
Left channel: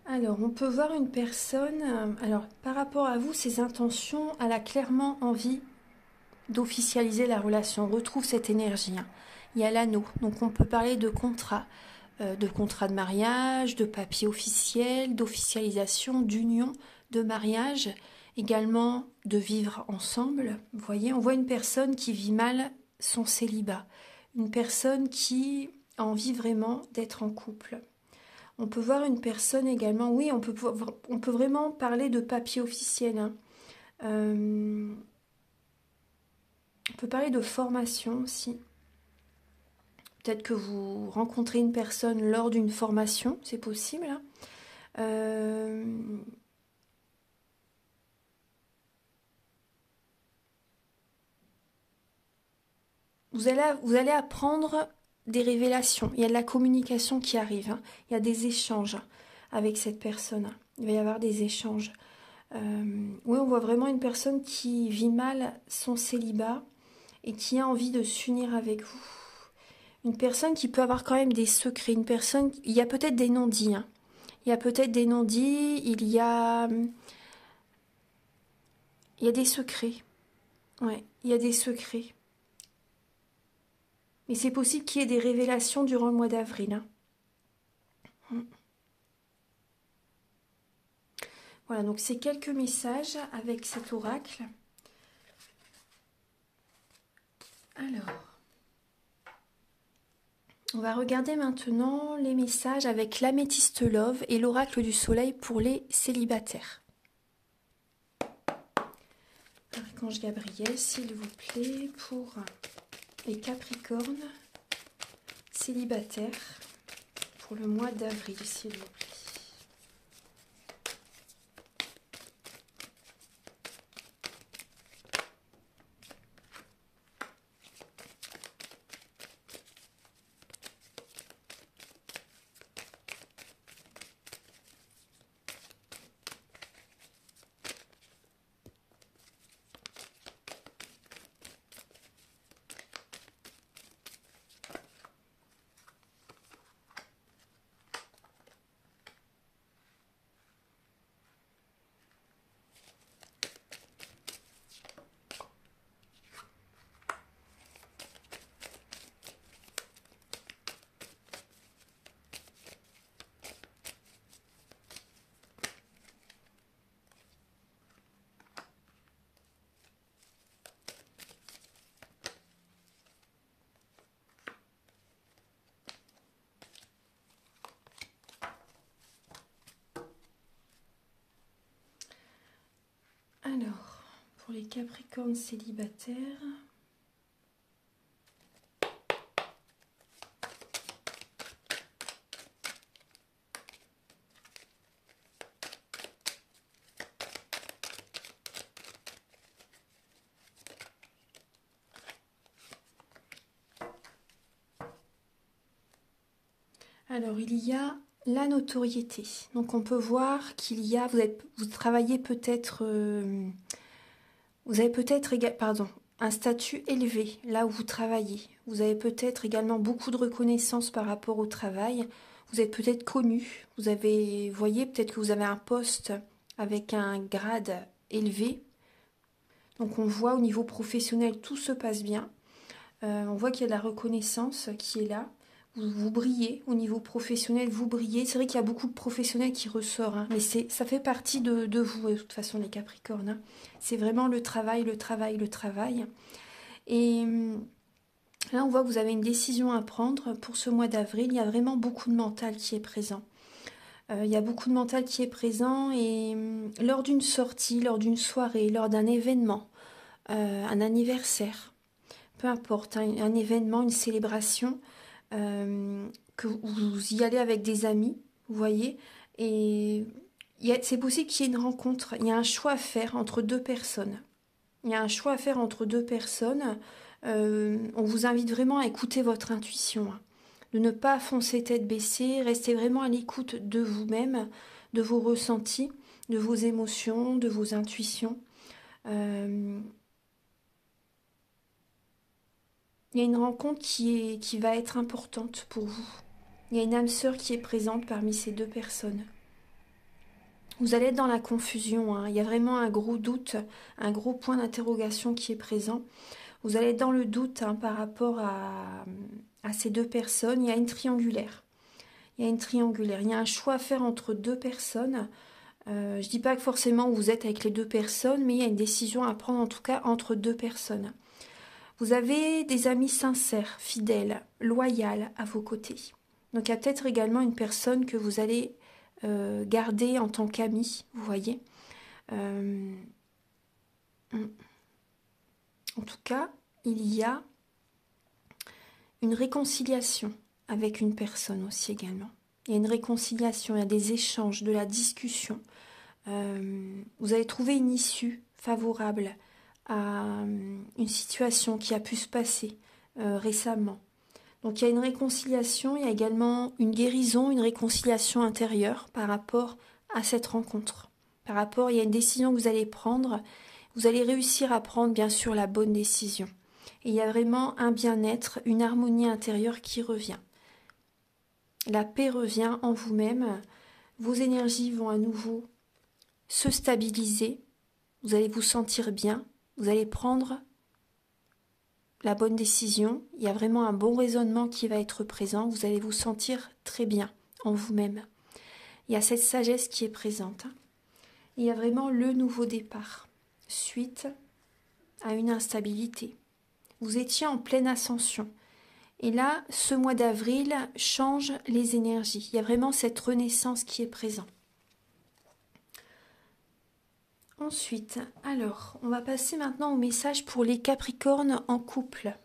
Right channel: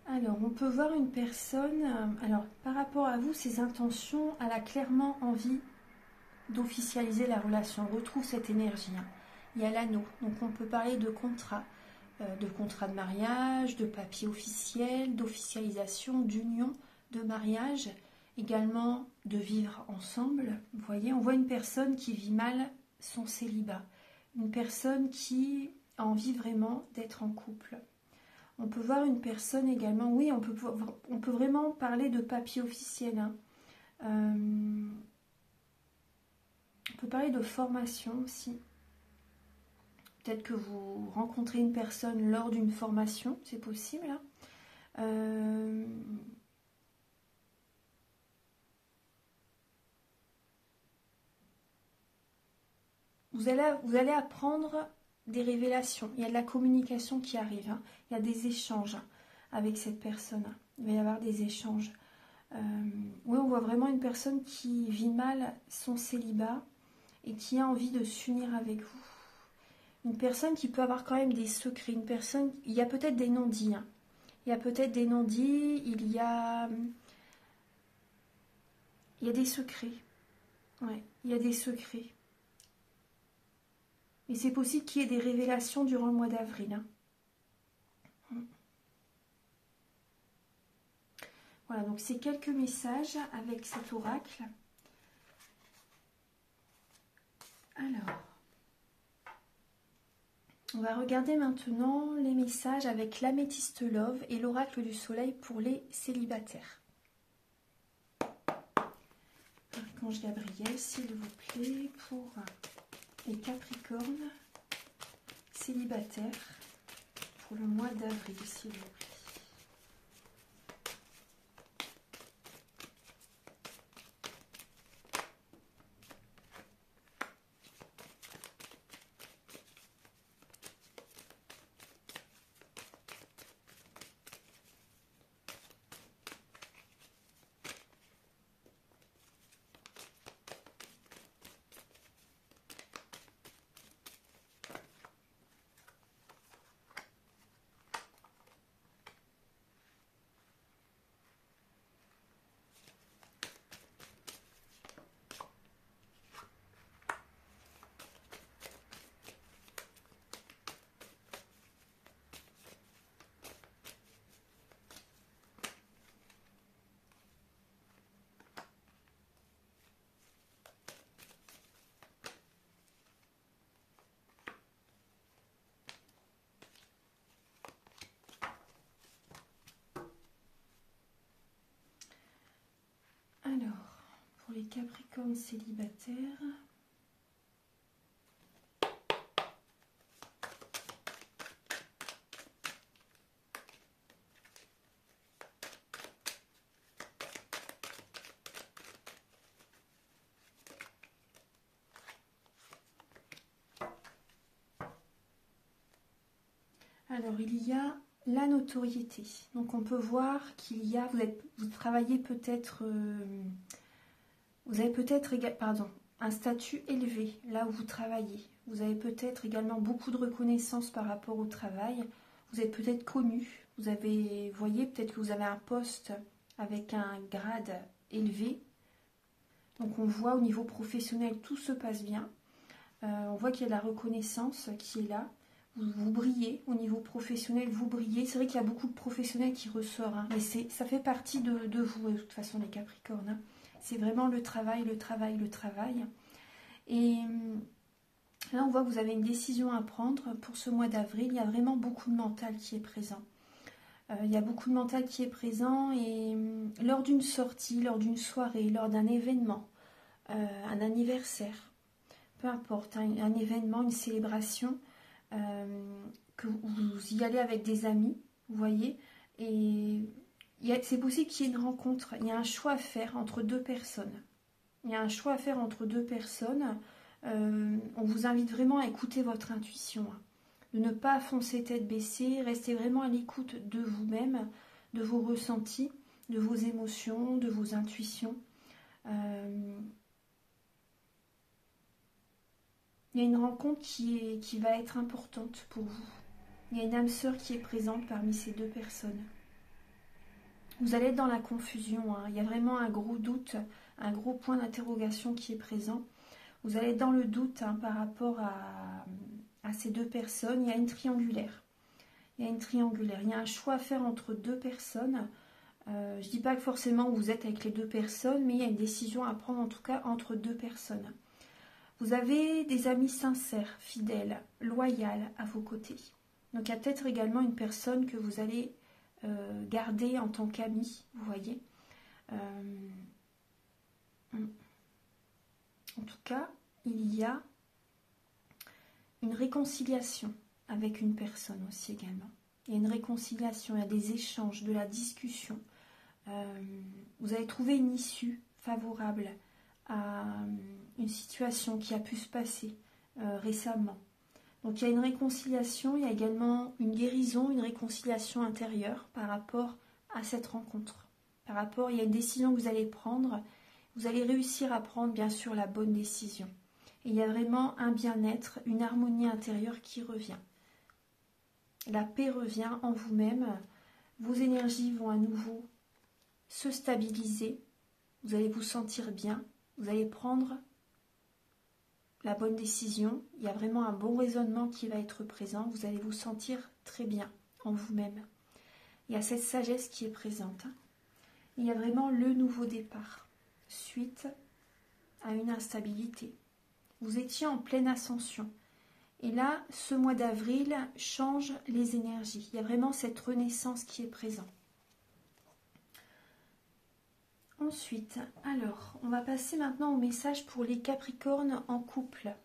Alors, on peut voir une personne, alors par rapport à vous, ses intentions, elle a clairement envie d'officialiser la relation. On retrouve cette énergie. Hein. Il y a l'anneau, donc on peut parler de contrat de mariage, de papier officiel, d'officialisation, d'union, de mariage, également de vivre ensemble. Vous voyez, on voit une personne qui vit mal son célibat, une personne qui a envie vraiment d'être en couple. On peut voir une personne également, oui, on peut vraiment parler de papier officiel. Hein. On peut parler de formation aussi. Peut-être que vous rencontrez une personne lors d'une formation, c'est possible. Hein. Vous allez apprendre des révélations. Il y a de la communication qui arrive. Hein. Il y a des échanges avec cette personne. Il va y avoir des échanges. Oui, on voit vraiment une personne qui vit mal son célibat et qui a envie de s'unir avec vous. Une personne qui peut avoir quand même des secrets. Une personne, il y a peut-être des non-dits. Hein. Il y a peut-être des non-dits. Il y a des secrets. Ouais, il y a des secrets. Mais c'est possible qu'il y ait des révélations durant le mois d'avril. Hein. Voilà, donc c'est quelques messages avec cet oracle. Alors, on va regarder maintenant les messages avec l'améthyste love et l'oracle du soleil pour les célibataires. Archange Gabriel, s'il vous plaît, pour Les Capricornes célibataires pour le mois d'avril, s'il vous plaît. Alors, pour les Capricornes célibataires, alors il y a la notoriété. Donc on peut voir qu'il y a, vous travaillez peut-être, vous avez peut-être un statut élevé là où vous travaillez. Vous avez peut-être également beaucoup de reconnaissance par rapport au travail. Vous êtes peut-être connu. Vous voyez, peut-être que vous avez un poste avec un grade élevé. Donc on voit au niveau professionnel, tout se passe bien. On voit qu'il y a de la reconnaissance qui est là. Vous brillez au niveau professionnel, vous brillez. C'est vrai qu'il y a beaucoup de professionnels qui ressortent, hein, mais ça fait partie de vous, de toute façon, les Capricornes. Hein. C'est vraiment le travail, le travail, le travail. Et là, on voit que vous avez une décision à prendre pour ce mois d'avril. Il y a vraiment beaucoup de mental qui est présent. Il y a beaucoup de mental qui est présent et lors d'une sortie, lors d'une soirée, lors d'un événement, un anniversaire, peu importe, hein, un événement, une célébration, que vous y allez avec des amis, vous voyez, et c'est possible qu'il y ait une rencontre, il y a un choix à faire entre deux personnes. Il y a un choix à faire entre deux personnes. On vous invite vraiment à écouter votre intuition, hein, de ne pas foncer tête baissée, rester vraiment à l'écoute de vous-même, de vos ressentis, de vos émotions, de vos intuitions. Il y a une rencontre qui va être importante pour vous. Il y a une âme sœur qui est présente parmi ces deux personnes. Vous allez être dans la confusion, hein. Il y a vraiment un gros doute, un gros point d'interrogation qui est présent. Vous allez être dans le doute, hein, par rapport à ces deux personnes. Il y a une triangulaire. Il y a une triangulaire. Il y a un choix à faire entre deux personnes. Je ne dis pas que forcément vous êtes avec les deux personnes, mais il y a une décision à prendre en tout cas entre deux personnes. Vous avez des amis sincères, fidèles, loyaux à vos côtés. Donc il y a peut-être également une personne que vous allez garder en tant qu'ami, vous voyez. En tout cas, il y a une réconciliation avec une personne aussi également. Il y a une réconciliation, il y a des échanges, de la discussion. Vous allez trouver une issue favorable à une situation qui a pu se passer récemment. Donc il y a une réconciliation, il y a également une guérison, une réconciliation intérieure par rapport à cette rencontre. Il y a une décision que vous allez prendre, vous allez réussir à prendre bien sûr la bonne décision. Et il y a vraiment un bien-être, une harmonie intérieure qui revient. La paix revient en vous-même, vos énergies vont à nouveau se stabiliser, vous allez vous sentir bien, vous allez prendre la bonne décision, il y a vraiment un bon raisonnement qui va être présent, vous allez vous sentir très bien en vous-même. Il y a cette sagesse qui est présente. Il y a vraiment le nouveau départ, suite à une instabilité. Vous étiez en pleine ascension. Et là, ce mois d'avril change les énergies. Il y a vraiment cette renaissance qui est présente. Ensuite, alors, on va passer maintenant au message pour les Capricornes en couple.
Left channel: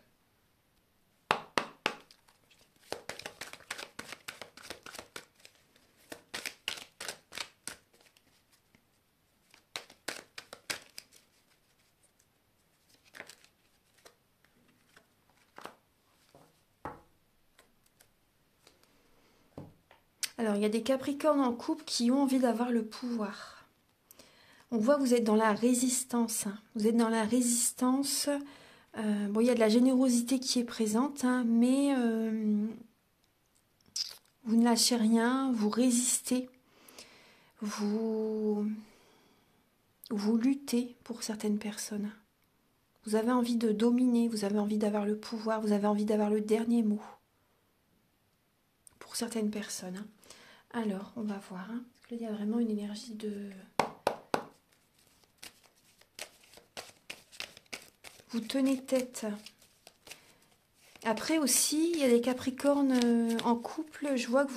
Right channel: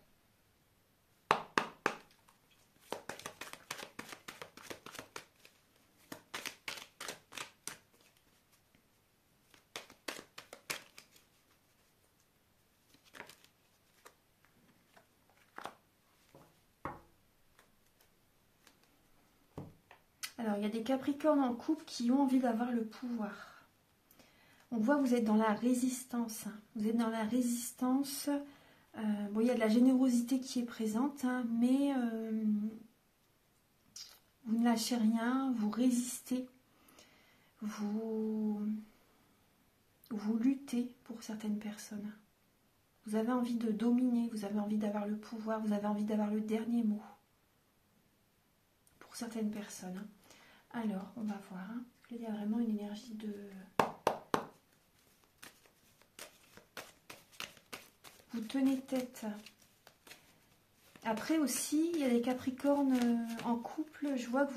Alors, il y a des Capricornes en couple qui ont envie d'avoir le pouvoir. On voit que vous êtes dans la résistance. Hein. Vous êtes dans la résistance. Bon, il y a de la générosité qui est présente, hein, mais vous ne lâchez rien, vous résistez. Vous luttez pour certaines personnes. Vous avez envie de dominer, vous avez envie d'avoir le pouvoir, vous avez envie d'avoir le dernier mot. Pour certaines personnes. Hein. Alors, on va voir. Hein, parce qu'il y a vraiment une énergie de... Vous tenez tête. Après aussi, il y a des Capricornes en couple. Je vois que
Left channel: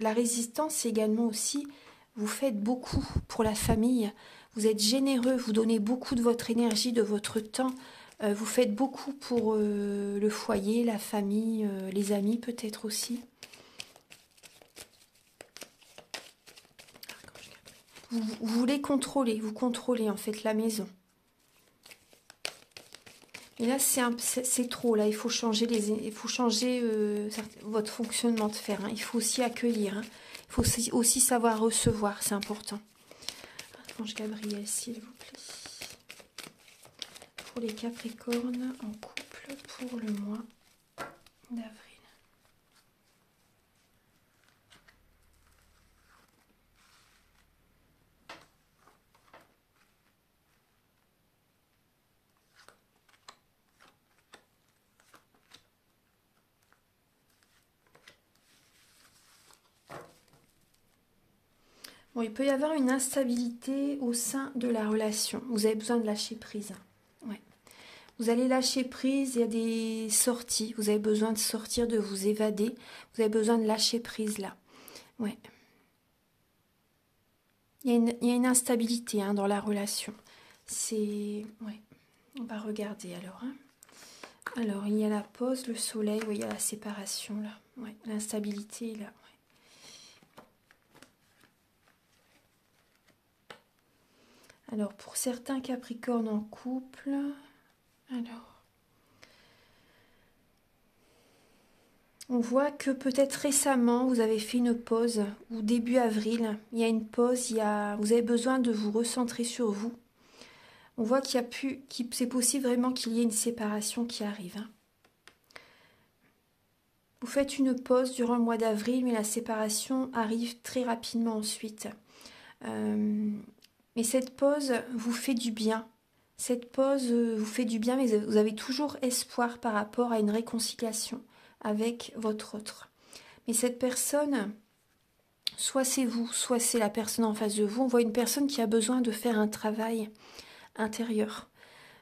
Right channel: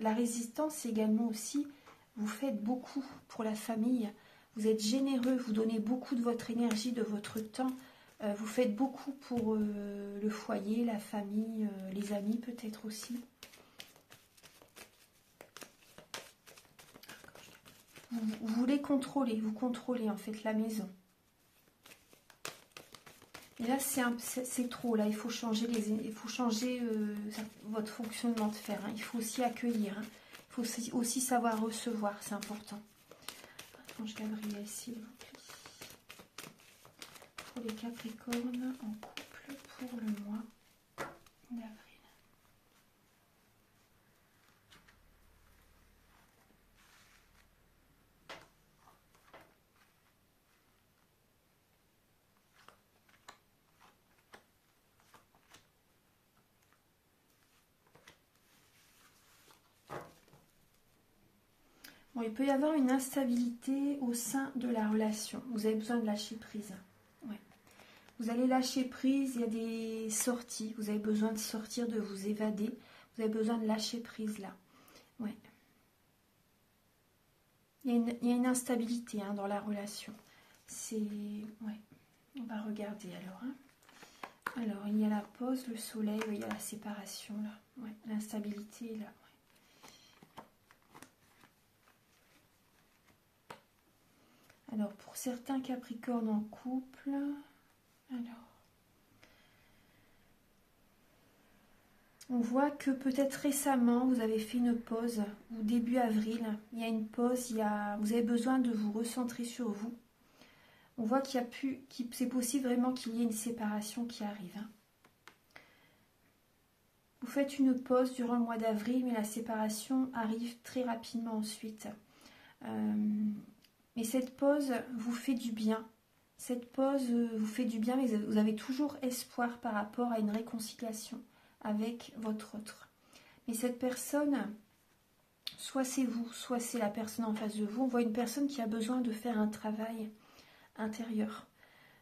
la résistance, c'est également aussi... Vous faites beaucoup pour la famille. Vous êtes généreux, vous donnez beaucoup de votre énergie, de votre temps. Vous faites beaucoup pour le foyer, la famille, les amis peut-être aussi. Vous voulez contrôler, vous contrôlez en fait la maison. Et là, c'est trop. Là, il faut changer, votre fonctionnement de fer. Hein. Il faut aussi accueillir. Hein. Il faut aussi savoir recevoir, c'est important. Archange Gabriel, s'il vous plaît. Pour les Capricornes en couple pour le mois d'avril. Bon, il peut y avoir une instabilité au sein de la relation. Vous avez besoin de lâcher prise. Ouais. Vous allez lâcher prise, il y a des sorties. Vous avez besoin de sortir, de vous évader. Vous avez besoin de lâcher prise là. Ouais. Il y a une instabilité hein, dans la relation. C'est... Ouais. On va regarder alors. Hein. Alors, il y a la pause, le soleil, oui, il y a la séparation là. Ouais. L'instabilité là. Alors, pour certains Capricornes en couple, alors, on voit que peut-être récemment, vous avez fait une pause, ou début avril, il y a une pause, vous avez besoin de vous recentrer sur vous. On voit c'est possible vraiment qu'il y ait une séparation qui arrive. Hein. Vous faites une pause durant le mois d'avril, mais la séparation arrive très rapidement ensuite. Mais cette pause vous fait du bien. Cette pause vous fait du bien, mais vous avez toujours espoir par rapport à une réconciliation avec votre autre. Mais cette personne, soit c'est vous, soit c'est la personne en face de vous. On voit une personne qui a besoin de faire un travail intérieur,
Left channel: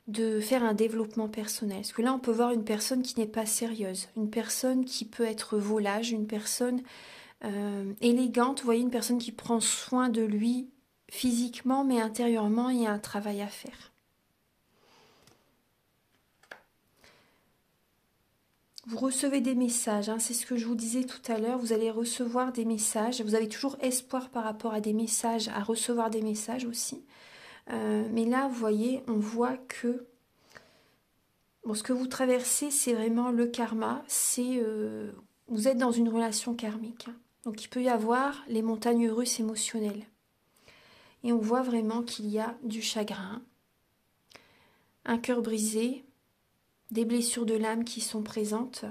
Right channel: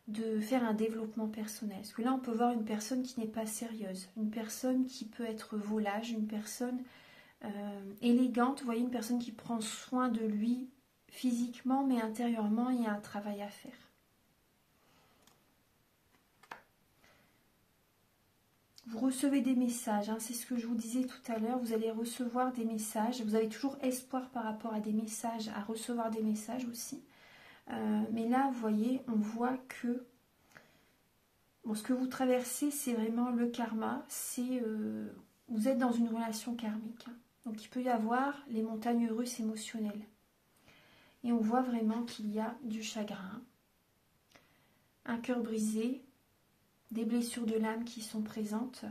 de faire un développement personnel. Parce que là, on peut voir une personne qui n'est pas sérieuse, une personne qui peut être volage, une personne élégante. Vous voyez, une personne qui prend soin de lui, physiquement, mais intérieurement, il y a un travail à faire. Vous recevez des messages, hein, c'est ce que je vous disais tout à l'heure, vous allez recevoir des messages, vous avez toujours espoir par rapport à des messages, à recevoir des messages aussi. Mais là, vous voyez, on voit que bon, ce que vous traversez, c'est vraiment le karma, vous êtes dans une relation karmique. Hein. Donc il peut y avoir les montagnes russes émotionnelles. Et on voit vraiment qu'il y a du chagrin, un cœur brisé, des blessures de l'âme qui sont présentes.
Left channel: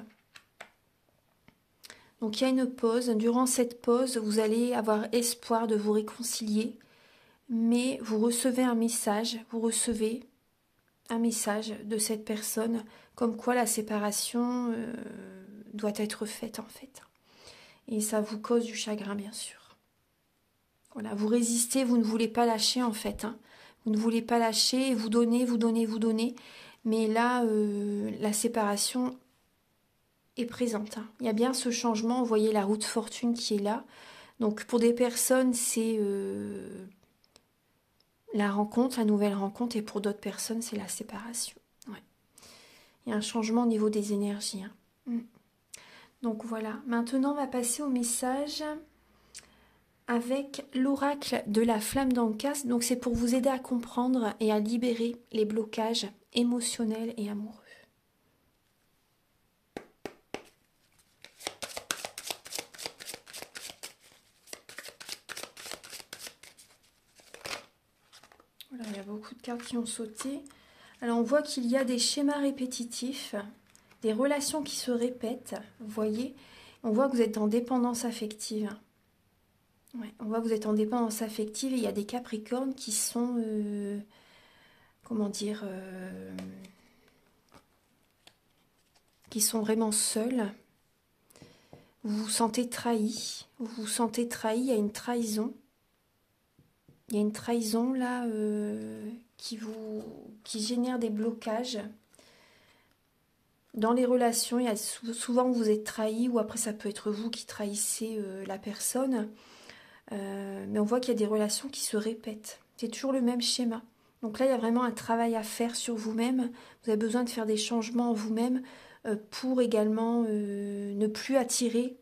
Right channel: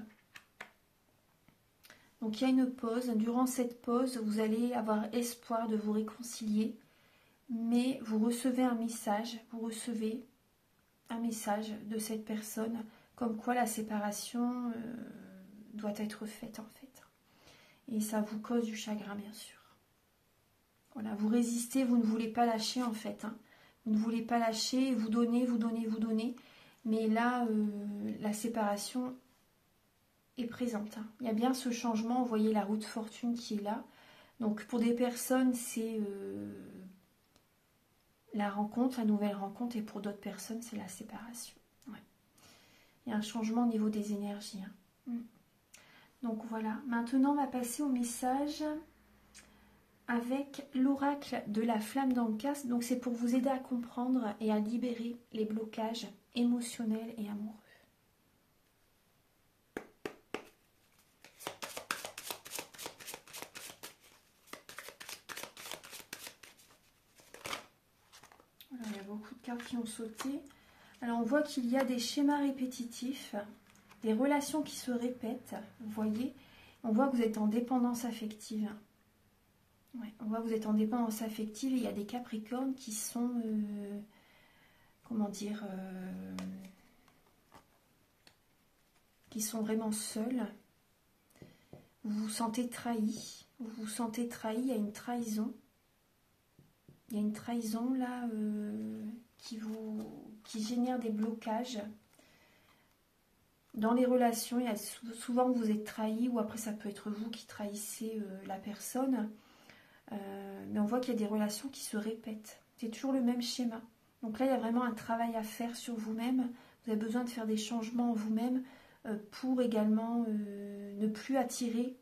Donc il y a une pause. Durant cette pause, vous allez avoir espoir de vous réconcilier, mais vous recevez un message, de cette personne, comme quoi la séparation doit être faite en fait. Et ça vous cause du chagrin bien sûr. Voilà, vous résistez, vous ne voulez pas lâcher en fait. Hein. Vous ne voulez pas lâcher, vous donnez. Mais là, la séparation est présente. Hein. Il y a bien ce changement, vous voyez la roue de fortune qui est là. Donc pour des personnes, c'est la rencontre, la nouvelle rencontre. Et pour d'autres personnes, c'est la séparation. Ouais. Il y a un changement au niveau des énergies. Hein. Donc voilà, maintenant on va passer au message avec l'oracle de la flamme d'Ancas. Donc c'est pour vous aider à comprendre et à libérer les blocages émotionnels et amoureux. cartes qui ont sauté. Alors on voit qu'il y a des schémas répétitifs, des relations qui se répètent, vous voyez. On voit que vous êtes en dépendance affective. Ouais, on voit que vous êtes en dépendance affective et il y a des Capricornes qui sont, comment dire, qui sont vraiment seuls. Vous vous sentez trahi, il y a une trahison. Il y a une trahison là qui génère des blocages. Dans les relations, il y a souvent vous êtes trahi ou après ça peut être vous qui trahissez la personne. Mais on voit qu'il y a des relations qui se répètent. C'est toujours le même schéma. Donc là, il y a vraiment un travail à faire sur vous-même. Vous avez besoin de faire des changements en vous-même pour également ne plus attirer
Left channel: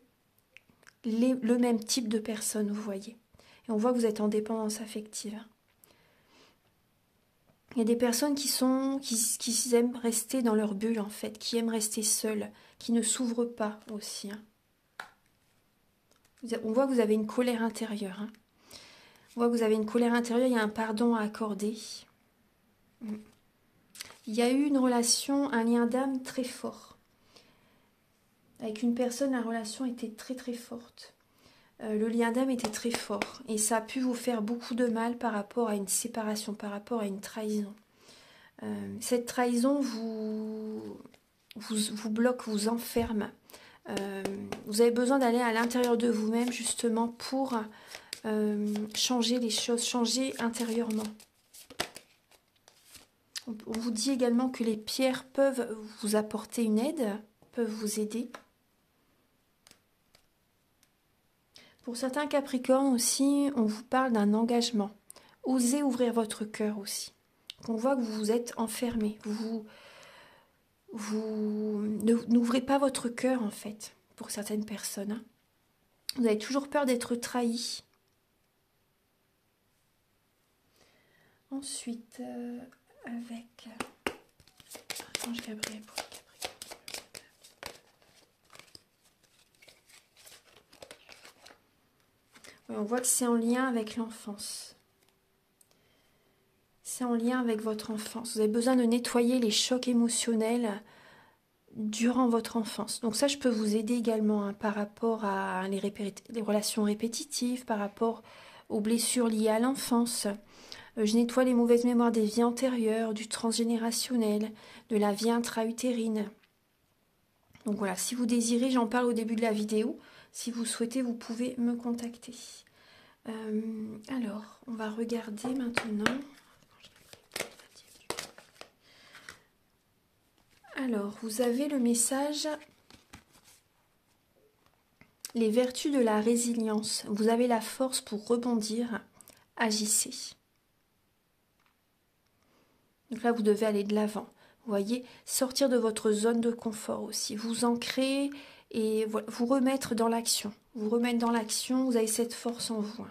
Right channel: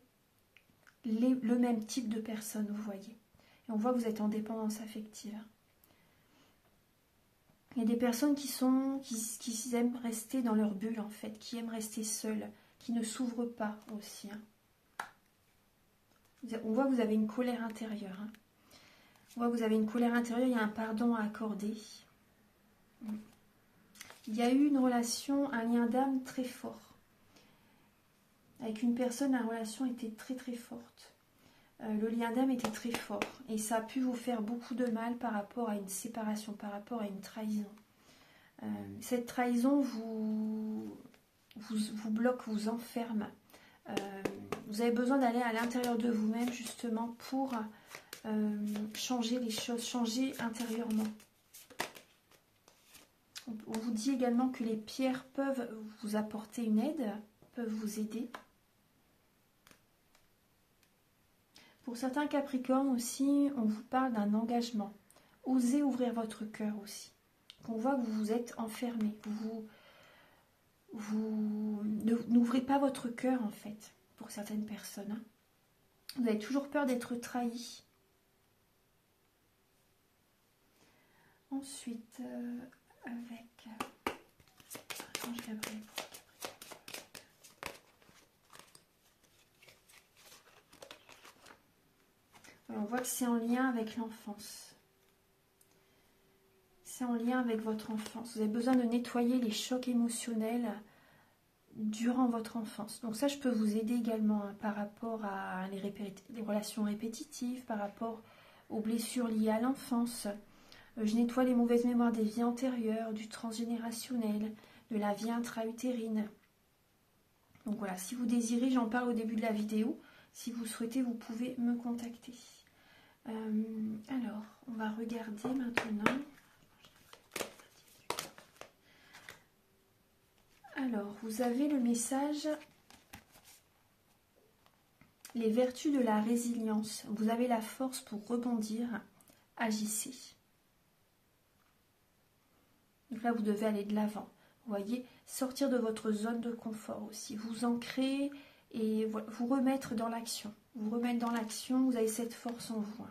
le même type de personnes, vous voyez. Et on voit que vous êtes en dépendance affective. Il y a des personnes qui aiment rester dans leur bulle, en fait, qui aiment rester seules, qui ne s'ouvrent pas aussi. Hein. On voit que vous avez une colère intérieure. Hein. On voit que vous avez une colère intérieure, il y a un pardon à accorder. Il y a eu une relation, un lien d'âme très fort. Avec une personne, la relation était très très forte. Le lien d'âme était très fort. Et ça a pu vous faire beaucoup de mal par rapport à une séparation, par rapport à une trahison. Cette trahison vous bloque, vous enferme. Vous avez besoin d'aller à l'intérieur de vous-même justement pour changer les choses, changer intérieurement. On vous dit également que les pierres peuvent vous apporter une aide, peuvent vous aider. Pour certains Capricornes aussi, on vous parle d'un engagement. Osez ouvrir votre cœur aussi. On voit que vous vous êtes enfermé. Vous n'ouvrez pas votre cœur en fait, pour certaines personnes. Hein. Vous avez toujours peur d'être trahi. Ensuite, avec Archange Gabriel pour les Capricornes. Oui, on voit que c'est en lien avec l'enfance. C'est en lien avec votre enfance. Vous avez besoin de nettoyer les chocs émotionnels durant votre enfance. Donc ça, je peux vous aider également hein, par rapport à les relations répétitives, par rapport aux blessures liées à l'enfance. Je nettoie les mauvaises mémoires des vies antérieures, du transgénérationnel, de la vie intra-utérine. Donc voilà, si vous désirez, j'en parle au début de la vidéo. Si vous souhaitez, vous pouvez me contacter. Alors, on va regarder maintenant. Alors, vous avez le message « Les vertus de la résilience. Vous avez la force pour rebondir. Agissez. » Donc là, vous devez aller de l'avant. Vous voyez, sortir de votre zone de confort aussi. Vous ancrer et vous remettre dans l'action. Vous remettre dans l'action, vous avez cette force en vous.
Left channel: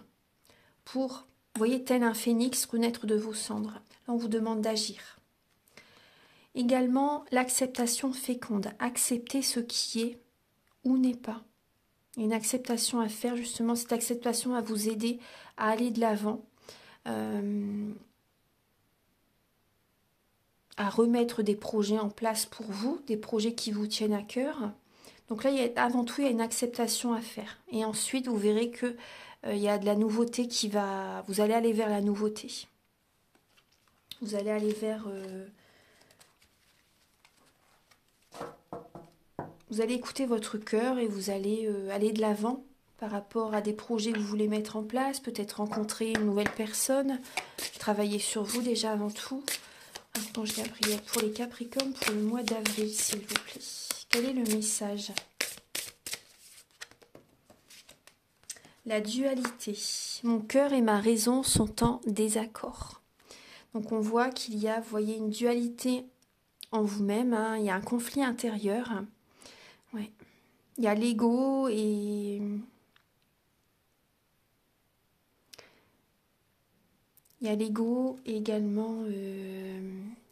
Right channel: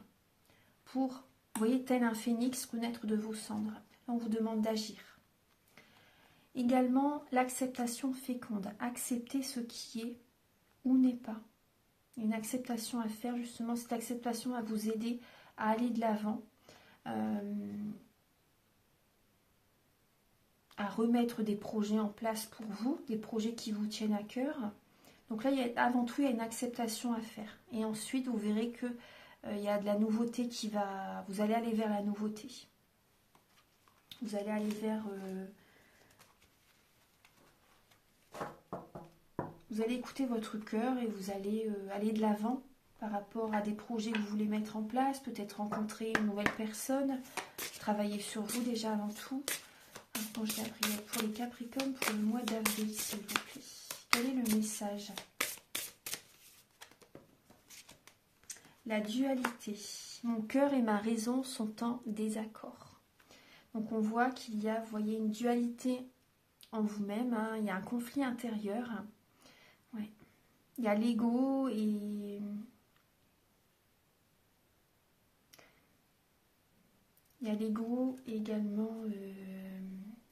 Pour, vous voyez, tel un phénix, renaître de vos cendres. Là, on vous demande d'agir. Également, l'acceptation féconde. Accepter ce qui est ou n'est pas. Il y a une acceptation à faire, justement. Cette acceptation va vous aider à aller de l'avant. À remettre des projets en place pour vous, des projets qui vous tiennent à cœur. Donc là, avant tout, il y a une acceptation à faire. Et ensuite, vous verrez que il y a de la nouveauté qui va... Vous allez aller vers la nouveauté. Vous allez aller vers... Vous allez écouter votre cœur et vous allez aller de l'avant par rapport à des projets que vous voulez mettre en place, peut-être rencontrer une nouvelle personne, travailler sur vous déjà avant tout. Archange Gabriel pour les Capricornes pour le mois d'avril, s'il vous plaît. Quel est le message? La dualité. Mon cœur et ma raison sont en désaccord. Donc on voit qu'il y a, vous voyez, une dualité en vous-même. Hein, il y a un conflit intérieur. Ouais. Il y a l'ego et... Il y a l'ego et également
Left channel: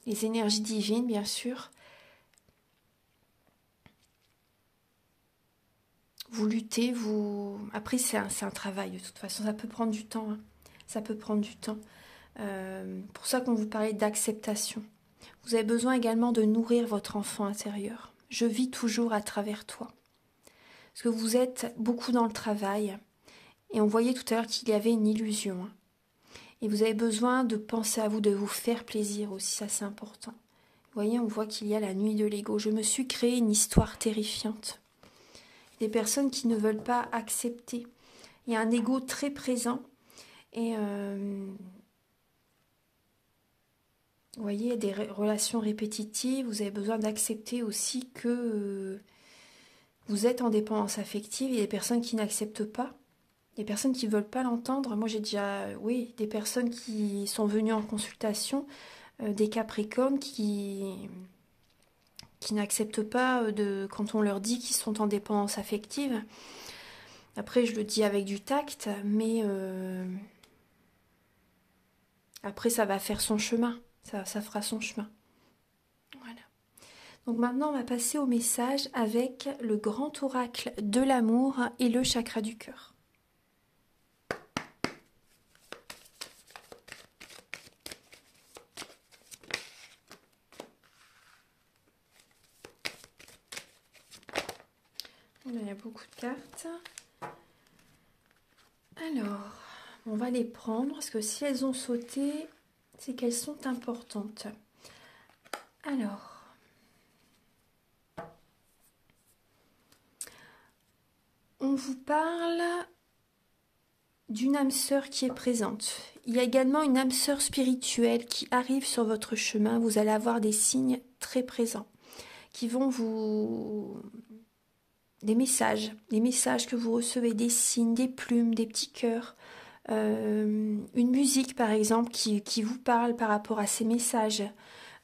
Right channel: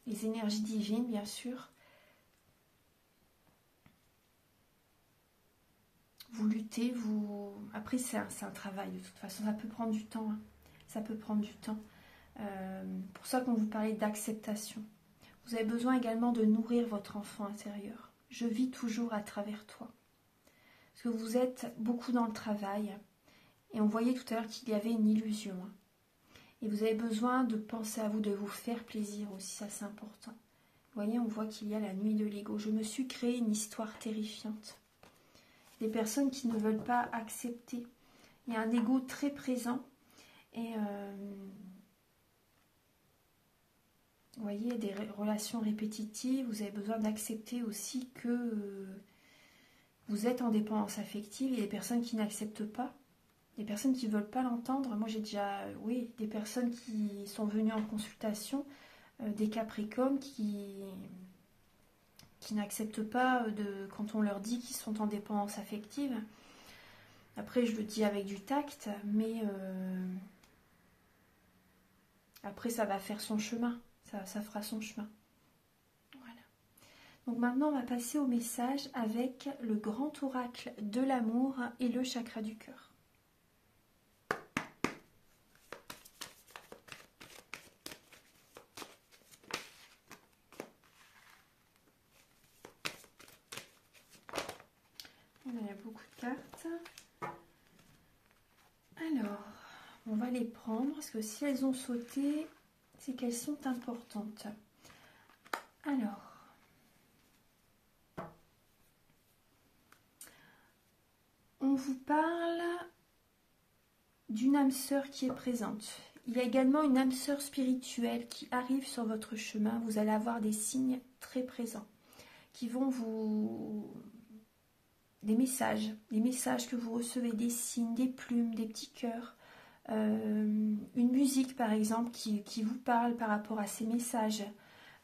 les énergies divines, bien sûr. Vous luttez, vous... Après, c'est un travail, de toute façon. Ça peut prendre du temps. Hein. Ça peut prendre du temps. Pour ça qu'on vous parlait d'acceptation. Vous avez besoin également de nourrir votre enfant intérieur. Je vis toujours à travers toi. Parce que vous êtes beaucoup dans le travail. Et on voyait tout à l'heure qu'il y avait une illusion. Et vous avez besoin de penser à vous, de vous faire plaisir aussi, ça c'est important. Vous voyez, on voit qu'il y a la nuit de l'ego. Je me suis créé une histoire terrifiante. Des personnes qui ne veulent pas accepter. Il y a un ego très présent. Et vous voyez, des relations répétitives. Vous avez besoin d'accepter aussi que vous êtes en dépendance affective. Il y a des personnes qui n'acceptent pas. Des personnes qui ne veulent pas l'entendre. Moi, j'ai déjà, oui, des personnes qui sont venues en consultation, des Capricornes qui n'acceptent pas quand on leur dit qu'ils sont en dépendance affective. Après, je le dis avec du tact, mais après, ça va faire son chemin. Ça fera son chemin. Voilà. Donc maintenant, on va passer au message avec le grand oracle de l'amour et le chakra du cœur. Il y a beaucoup de cartes. Alors, on va les prendre parce que si elles ont sauté, c'est qu'elles sont importantes. Alors, on vous parle d'une âme sœur qui est présente. Il y a également une âme sœur spirituelle qui arrive sur votre chemin. Vous allez avoir des signes très présents qui vont vous... des messages que vous recevez, des signes, des plumes, des petits cœurs, une musique par exemple qui vous parle par rapport à ces messages.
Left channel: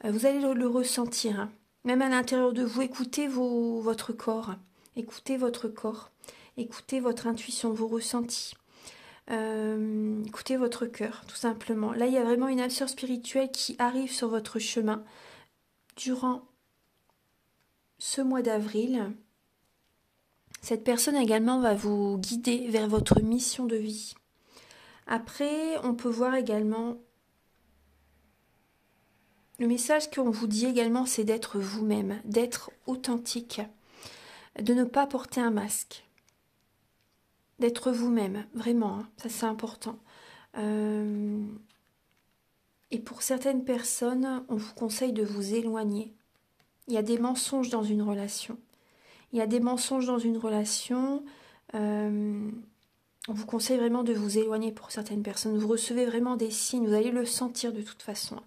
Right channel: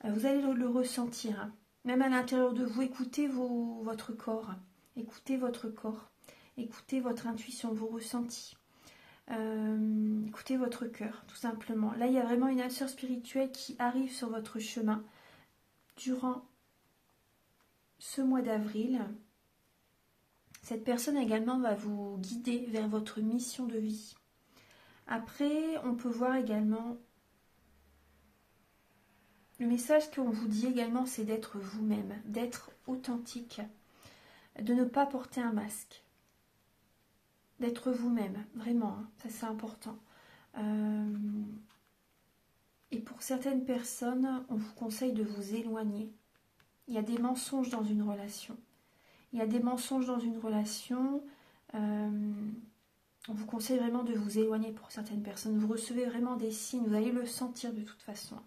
Vous allez le ressentir, hein. Même à l'intérieur de vous, écoutez votre corps, écoutez votre corps, écoutez votre intuition, vos ressentis, écoutez votre cœur, tout simplement. Là, il y a vraiment une âme sœur spirituelle qui arrive sur votre chemin durant ce mois d'avril. Cette personne également va vous guider vers votre mission de vie. Après, on peut voir également... Le message qu'on vous dit également, c'est d'être vous-même, d'être authentique, de ne pas porter un masque, d'être vous-même, vraiment, hein, ça c'est important. Et pour certaines personnes, on vous conseille de vous éloigner. Il y a des mensonges dans une relation. Il y a des mensonges dans une relation. On vous conseille vraiment de vous éloigner pour certaines personnes. Vous recevez vraiment des signes, vous allez le sentir de toute façon.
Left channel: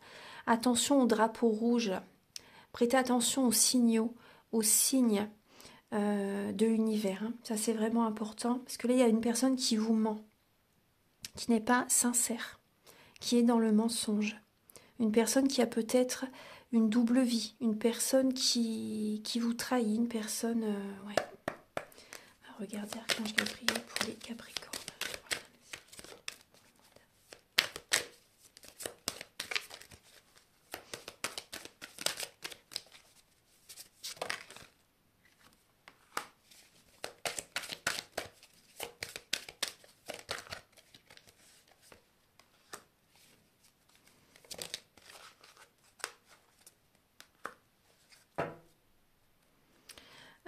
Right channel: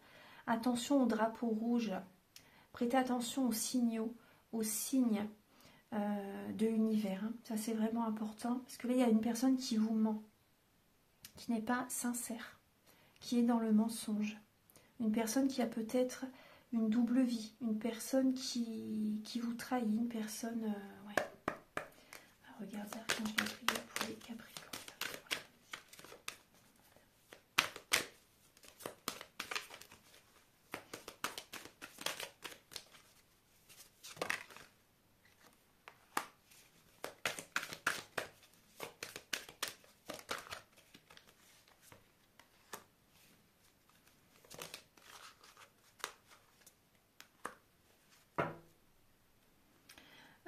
Attention aux drapeaux rouges. Prêtez attention aux signaux, aux signes de l'univers. Hein. Ça, c'est vraiment important. Parce que là, il y a une personne qui vous ment, qui n'est pas sincère, qui est dans le mensonge. Une personne qui a peut-être une double vie. Une personne qui vous trahit. Une personne... ouais. Regardez, Archange Gabriel pour les Capricornes.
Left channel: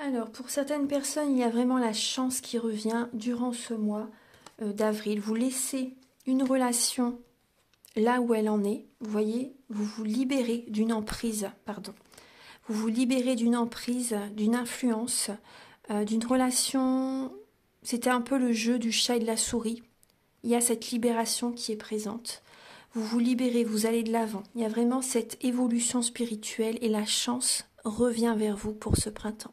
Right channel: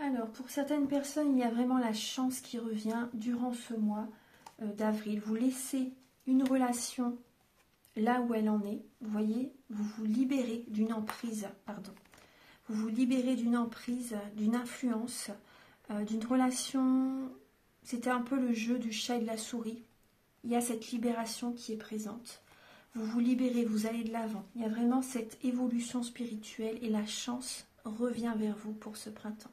Alors, pour certaines personnes, il y a vraiment la chance qui revient durant ce mois d'avril. Vous laissez une relation là où elle en est. Vous voyez, vous vous libérez d'une emprise, pardon. Vous vous libérez d'une emprise, d'une influence, d'une relation... C'était un peu le jeu du chat et de la souris. Il y a cette libération qui est présente. Vous vous libérez, vous allez de l'avant. Il y a vraiment cette évolution spirituelle et la chance revient vers vous pour ce printemps.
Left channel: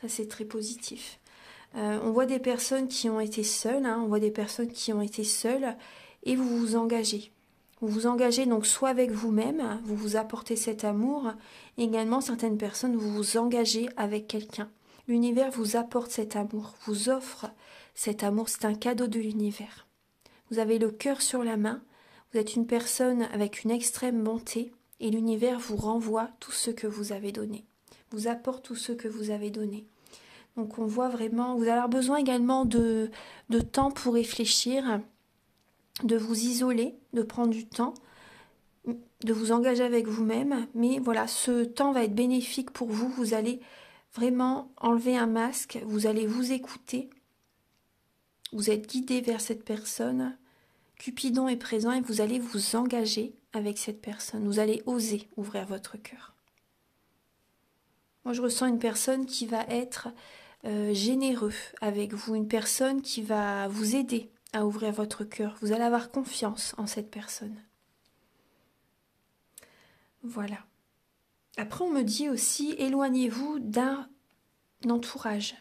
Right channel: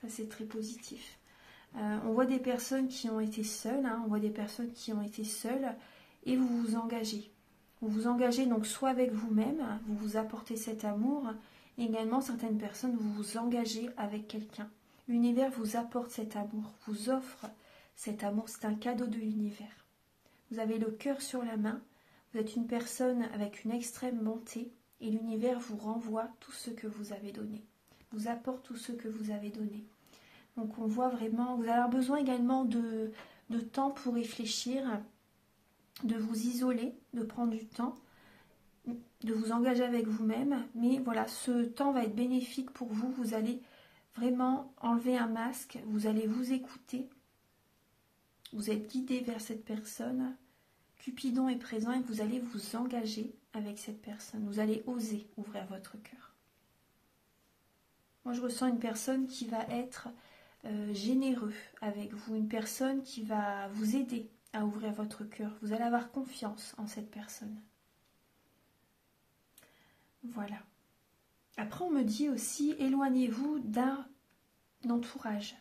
Ça, c'est très positif. On voit des personnes qui ont été seules, hein, on voit des personnes qui ont été seules et vous vous engagez. Vous vous engagez donc soit avec vous-même, vous vous apportez cet amour, et également certaines personnes, vous vous engagez avec quelqu'un. L'univers vous apporte cet amour, vous offre cet amour, c'est un cadeau de l'univers. Vous avez le cœur sur la main, vous êtes une personne avec une extrême bonté et l'univers vous renvoie tout ce que vous avez donné. Vous apporte tout ce que vous avez donné. Donc on voit vraiment, vous avez besoin également de temps pour réfléchir. de vous isoler, de prendre du temps, de vous engager avec vous-même. Mais voilà, ce temps va être bénéfique pour vous. Vous allez vraiment enlever un masque, vous allez vous écouter. Vous êtes guidé vers cette personne. Cupidon est présent et vous allez vous engager avec cette personne. Vous allez oser ouvrir votre cœur. Moi, je ressens une personne qui va être généreux avec vous, une personne qui va vous aider à ouvrir votre cœur. Vous allez avoir confiance en cette personne. Voilà. Après, on me dit aussi, éloignez-vous d'un entourage.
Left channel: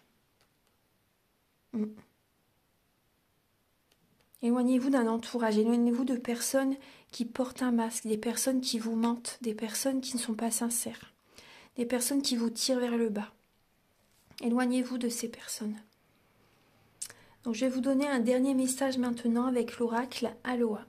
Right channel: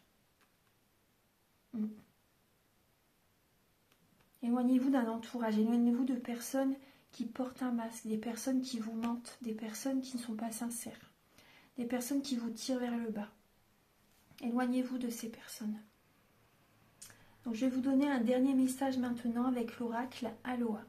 Éloignez-vous d'un entourage, éloignez-vous de personnes qui portent un masque, des personnes qui vous mentent, des personnes qui ne sont pas sincères, des personnes qui vous tirent vers le bas. Éloignez-vous de ces personnes. Donc je vais vous donner un dernier message maintenant avec l'oracle Aloha.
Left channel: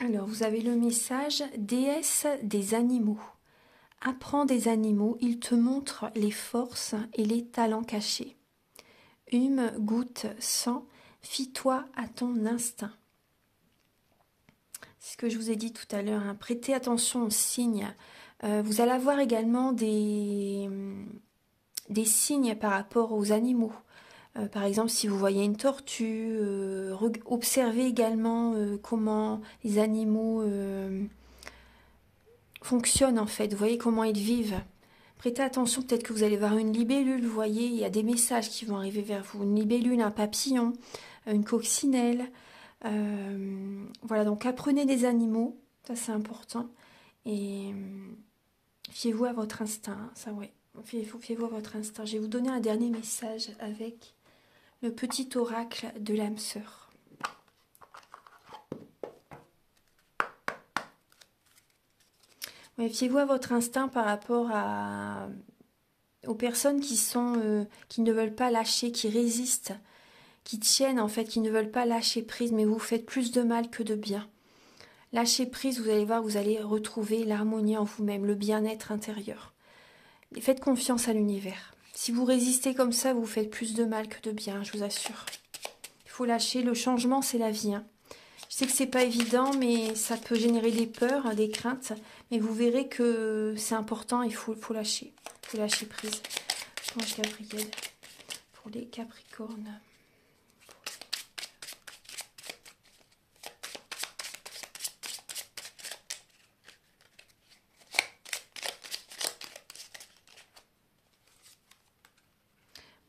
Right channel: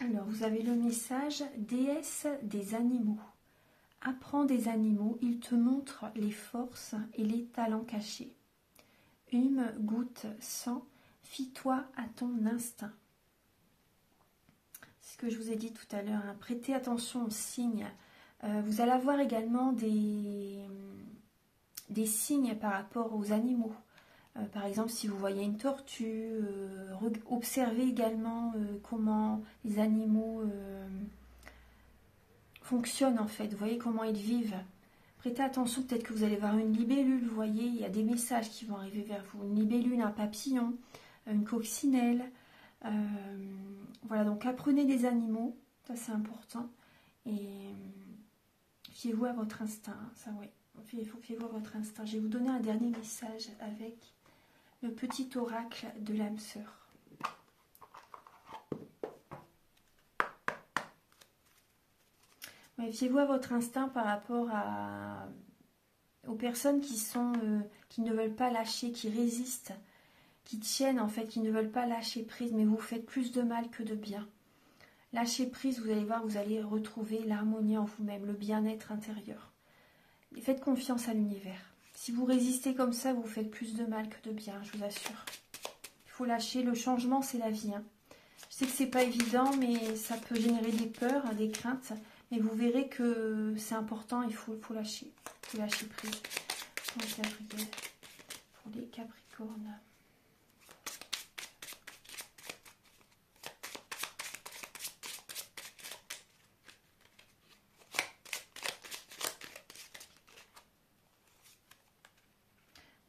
Alors, vous avez le message « Déesse des animaux ». Apprends des animaux, ils te montrent les forces et les talents cachés. Hume, goutte, sang, fie-toi à ton instinct. C'est ce que je vous ai dit tout à l'heure, hein. Prêtez attention aux signes. Vous allez avoir également des signes par rapport aux animaux. Par exemple, si vous voyez une tortue, observez également comment les animaux fonctionnent en fait. Vous voyez comment ils vivent. Prêtez attention, peut-être que vous allez voir une libellule, vous voyez, il y a des messages qui vont arriver vers vous. Une libellule, un papillon, une coccinelle. Voilà, donc apprenez des animaux, ça c'est important. Et fiez-vous à votre instinct, ça ouais. Fiez-vous à votre instinct. Je vais vous donner un dernier message avec le petit oracle de l'âme sœur. Ouais, fiez-vous à votre instinct par rapport aux personnes qui ne veulent pas lâcher, qui résistent, qui tiennent en fait, qui ne veulent pas lâcher prise, mais vous faites plus de mal que de bien. Lâchez prise, vous allez voir, vous allez retrouver l'harmonie en vous-même, le bien-être intérieur. Et faites confiance à l'univers. Si vous résistez comme ça, vous faites plus de mal que de bien, je vous assure. Il faut lâcher, le changement c'est la vie. Hein. Je sais que c'est pas évident, mais ça peut générer des peurs, des craintes. Mais vous verrez que c'est important, il faut lâcher. Il faut lâcher prise. Ange Gabriel pour les Capricornes.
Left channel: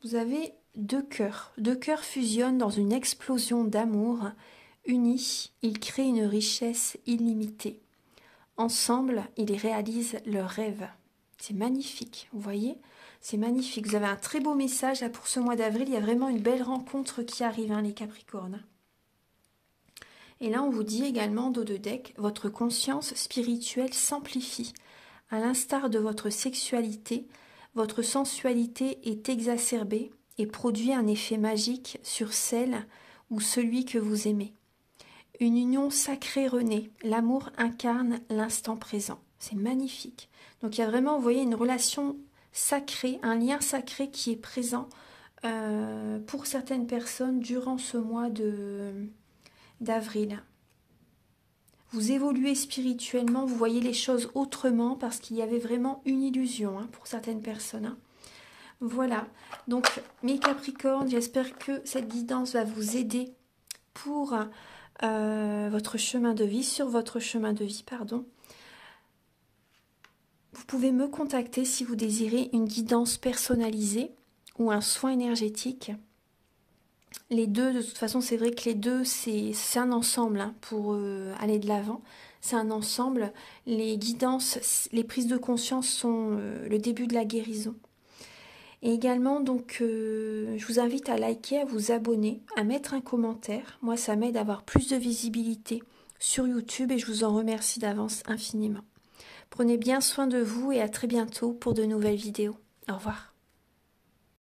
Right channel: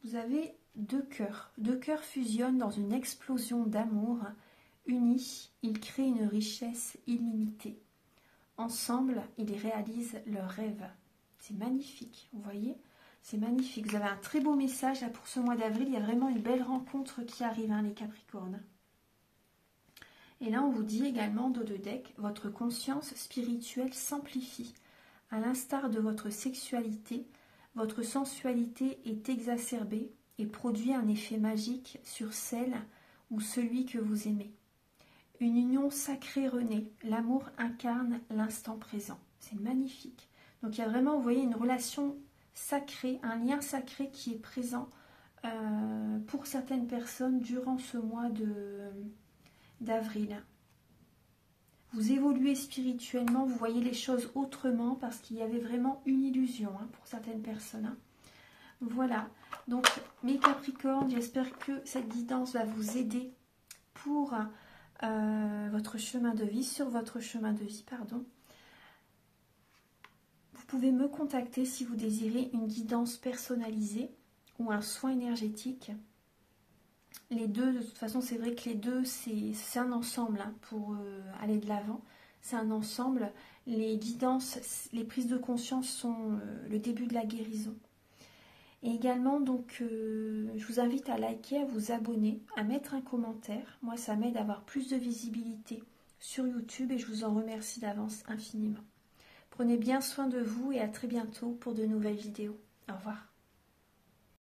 Vous avez deux cœurs. Deux cœurs fusionnent dans une explosion d'amour. Unis, ils créent une richesse illimitée. Ensemble, ils réalisent leurs rêves. C'est magnifique, vous voyez? C'est magnifique. Vous avez un très beau message là pour ce mois d'avril. Il y a vraiment une belle rencontre qui arrive, hein, les Capricornes. Et là, on vous dit également, dos de deck, votre conscience spirituelle s'amplifie. À l'instar de votre sexualité, votre sensualité est exacerbée et produit un effet magique sur celle ou celui que vous aimez. Une union sacrée renaît, l'amour incarne l'instant présent. C'est magnifique. Donc il y a vraiment, vous voyez, une relation sacrée, un lien sacré qui est présent pour certaines personnes durant ce mois d'avril. Vous évoluez spirituellement, vous voyez les choses autrement parce qu'il y avait vraiment une illusion, hein, pour certaines personnes. Hein. Voilà, donc mes Capricornes, j'espère que cette guidance va vous aider pour votre chemin de vie, sur votre chemin de vie, pardon. Vous pouvez me contacter si vous désirez une guidance personnalisée ou un soin énergétique. Les deux, de toute façon, c'est vrai que les deux, c'est un ensemble, hein, pour aller de l'avant. C'est un ensemble. Les guidances, les prises de conscience sont le début de la guérison. Et également, donc, je vous invite à liker, à vous abonner, à mettre un commentaire. Moi, ça m'aide à avoir plus de visibilité sur YouTube et je vous en remercie d'avance infiniment. Prenez bien soin de vous et à très bientôt pour de nouvelles vidéos. Au revoir.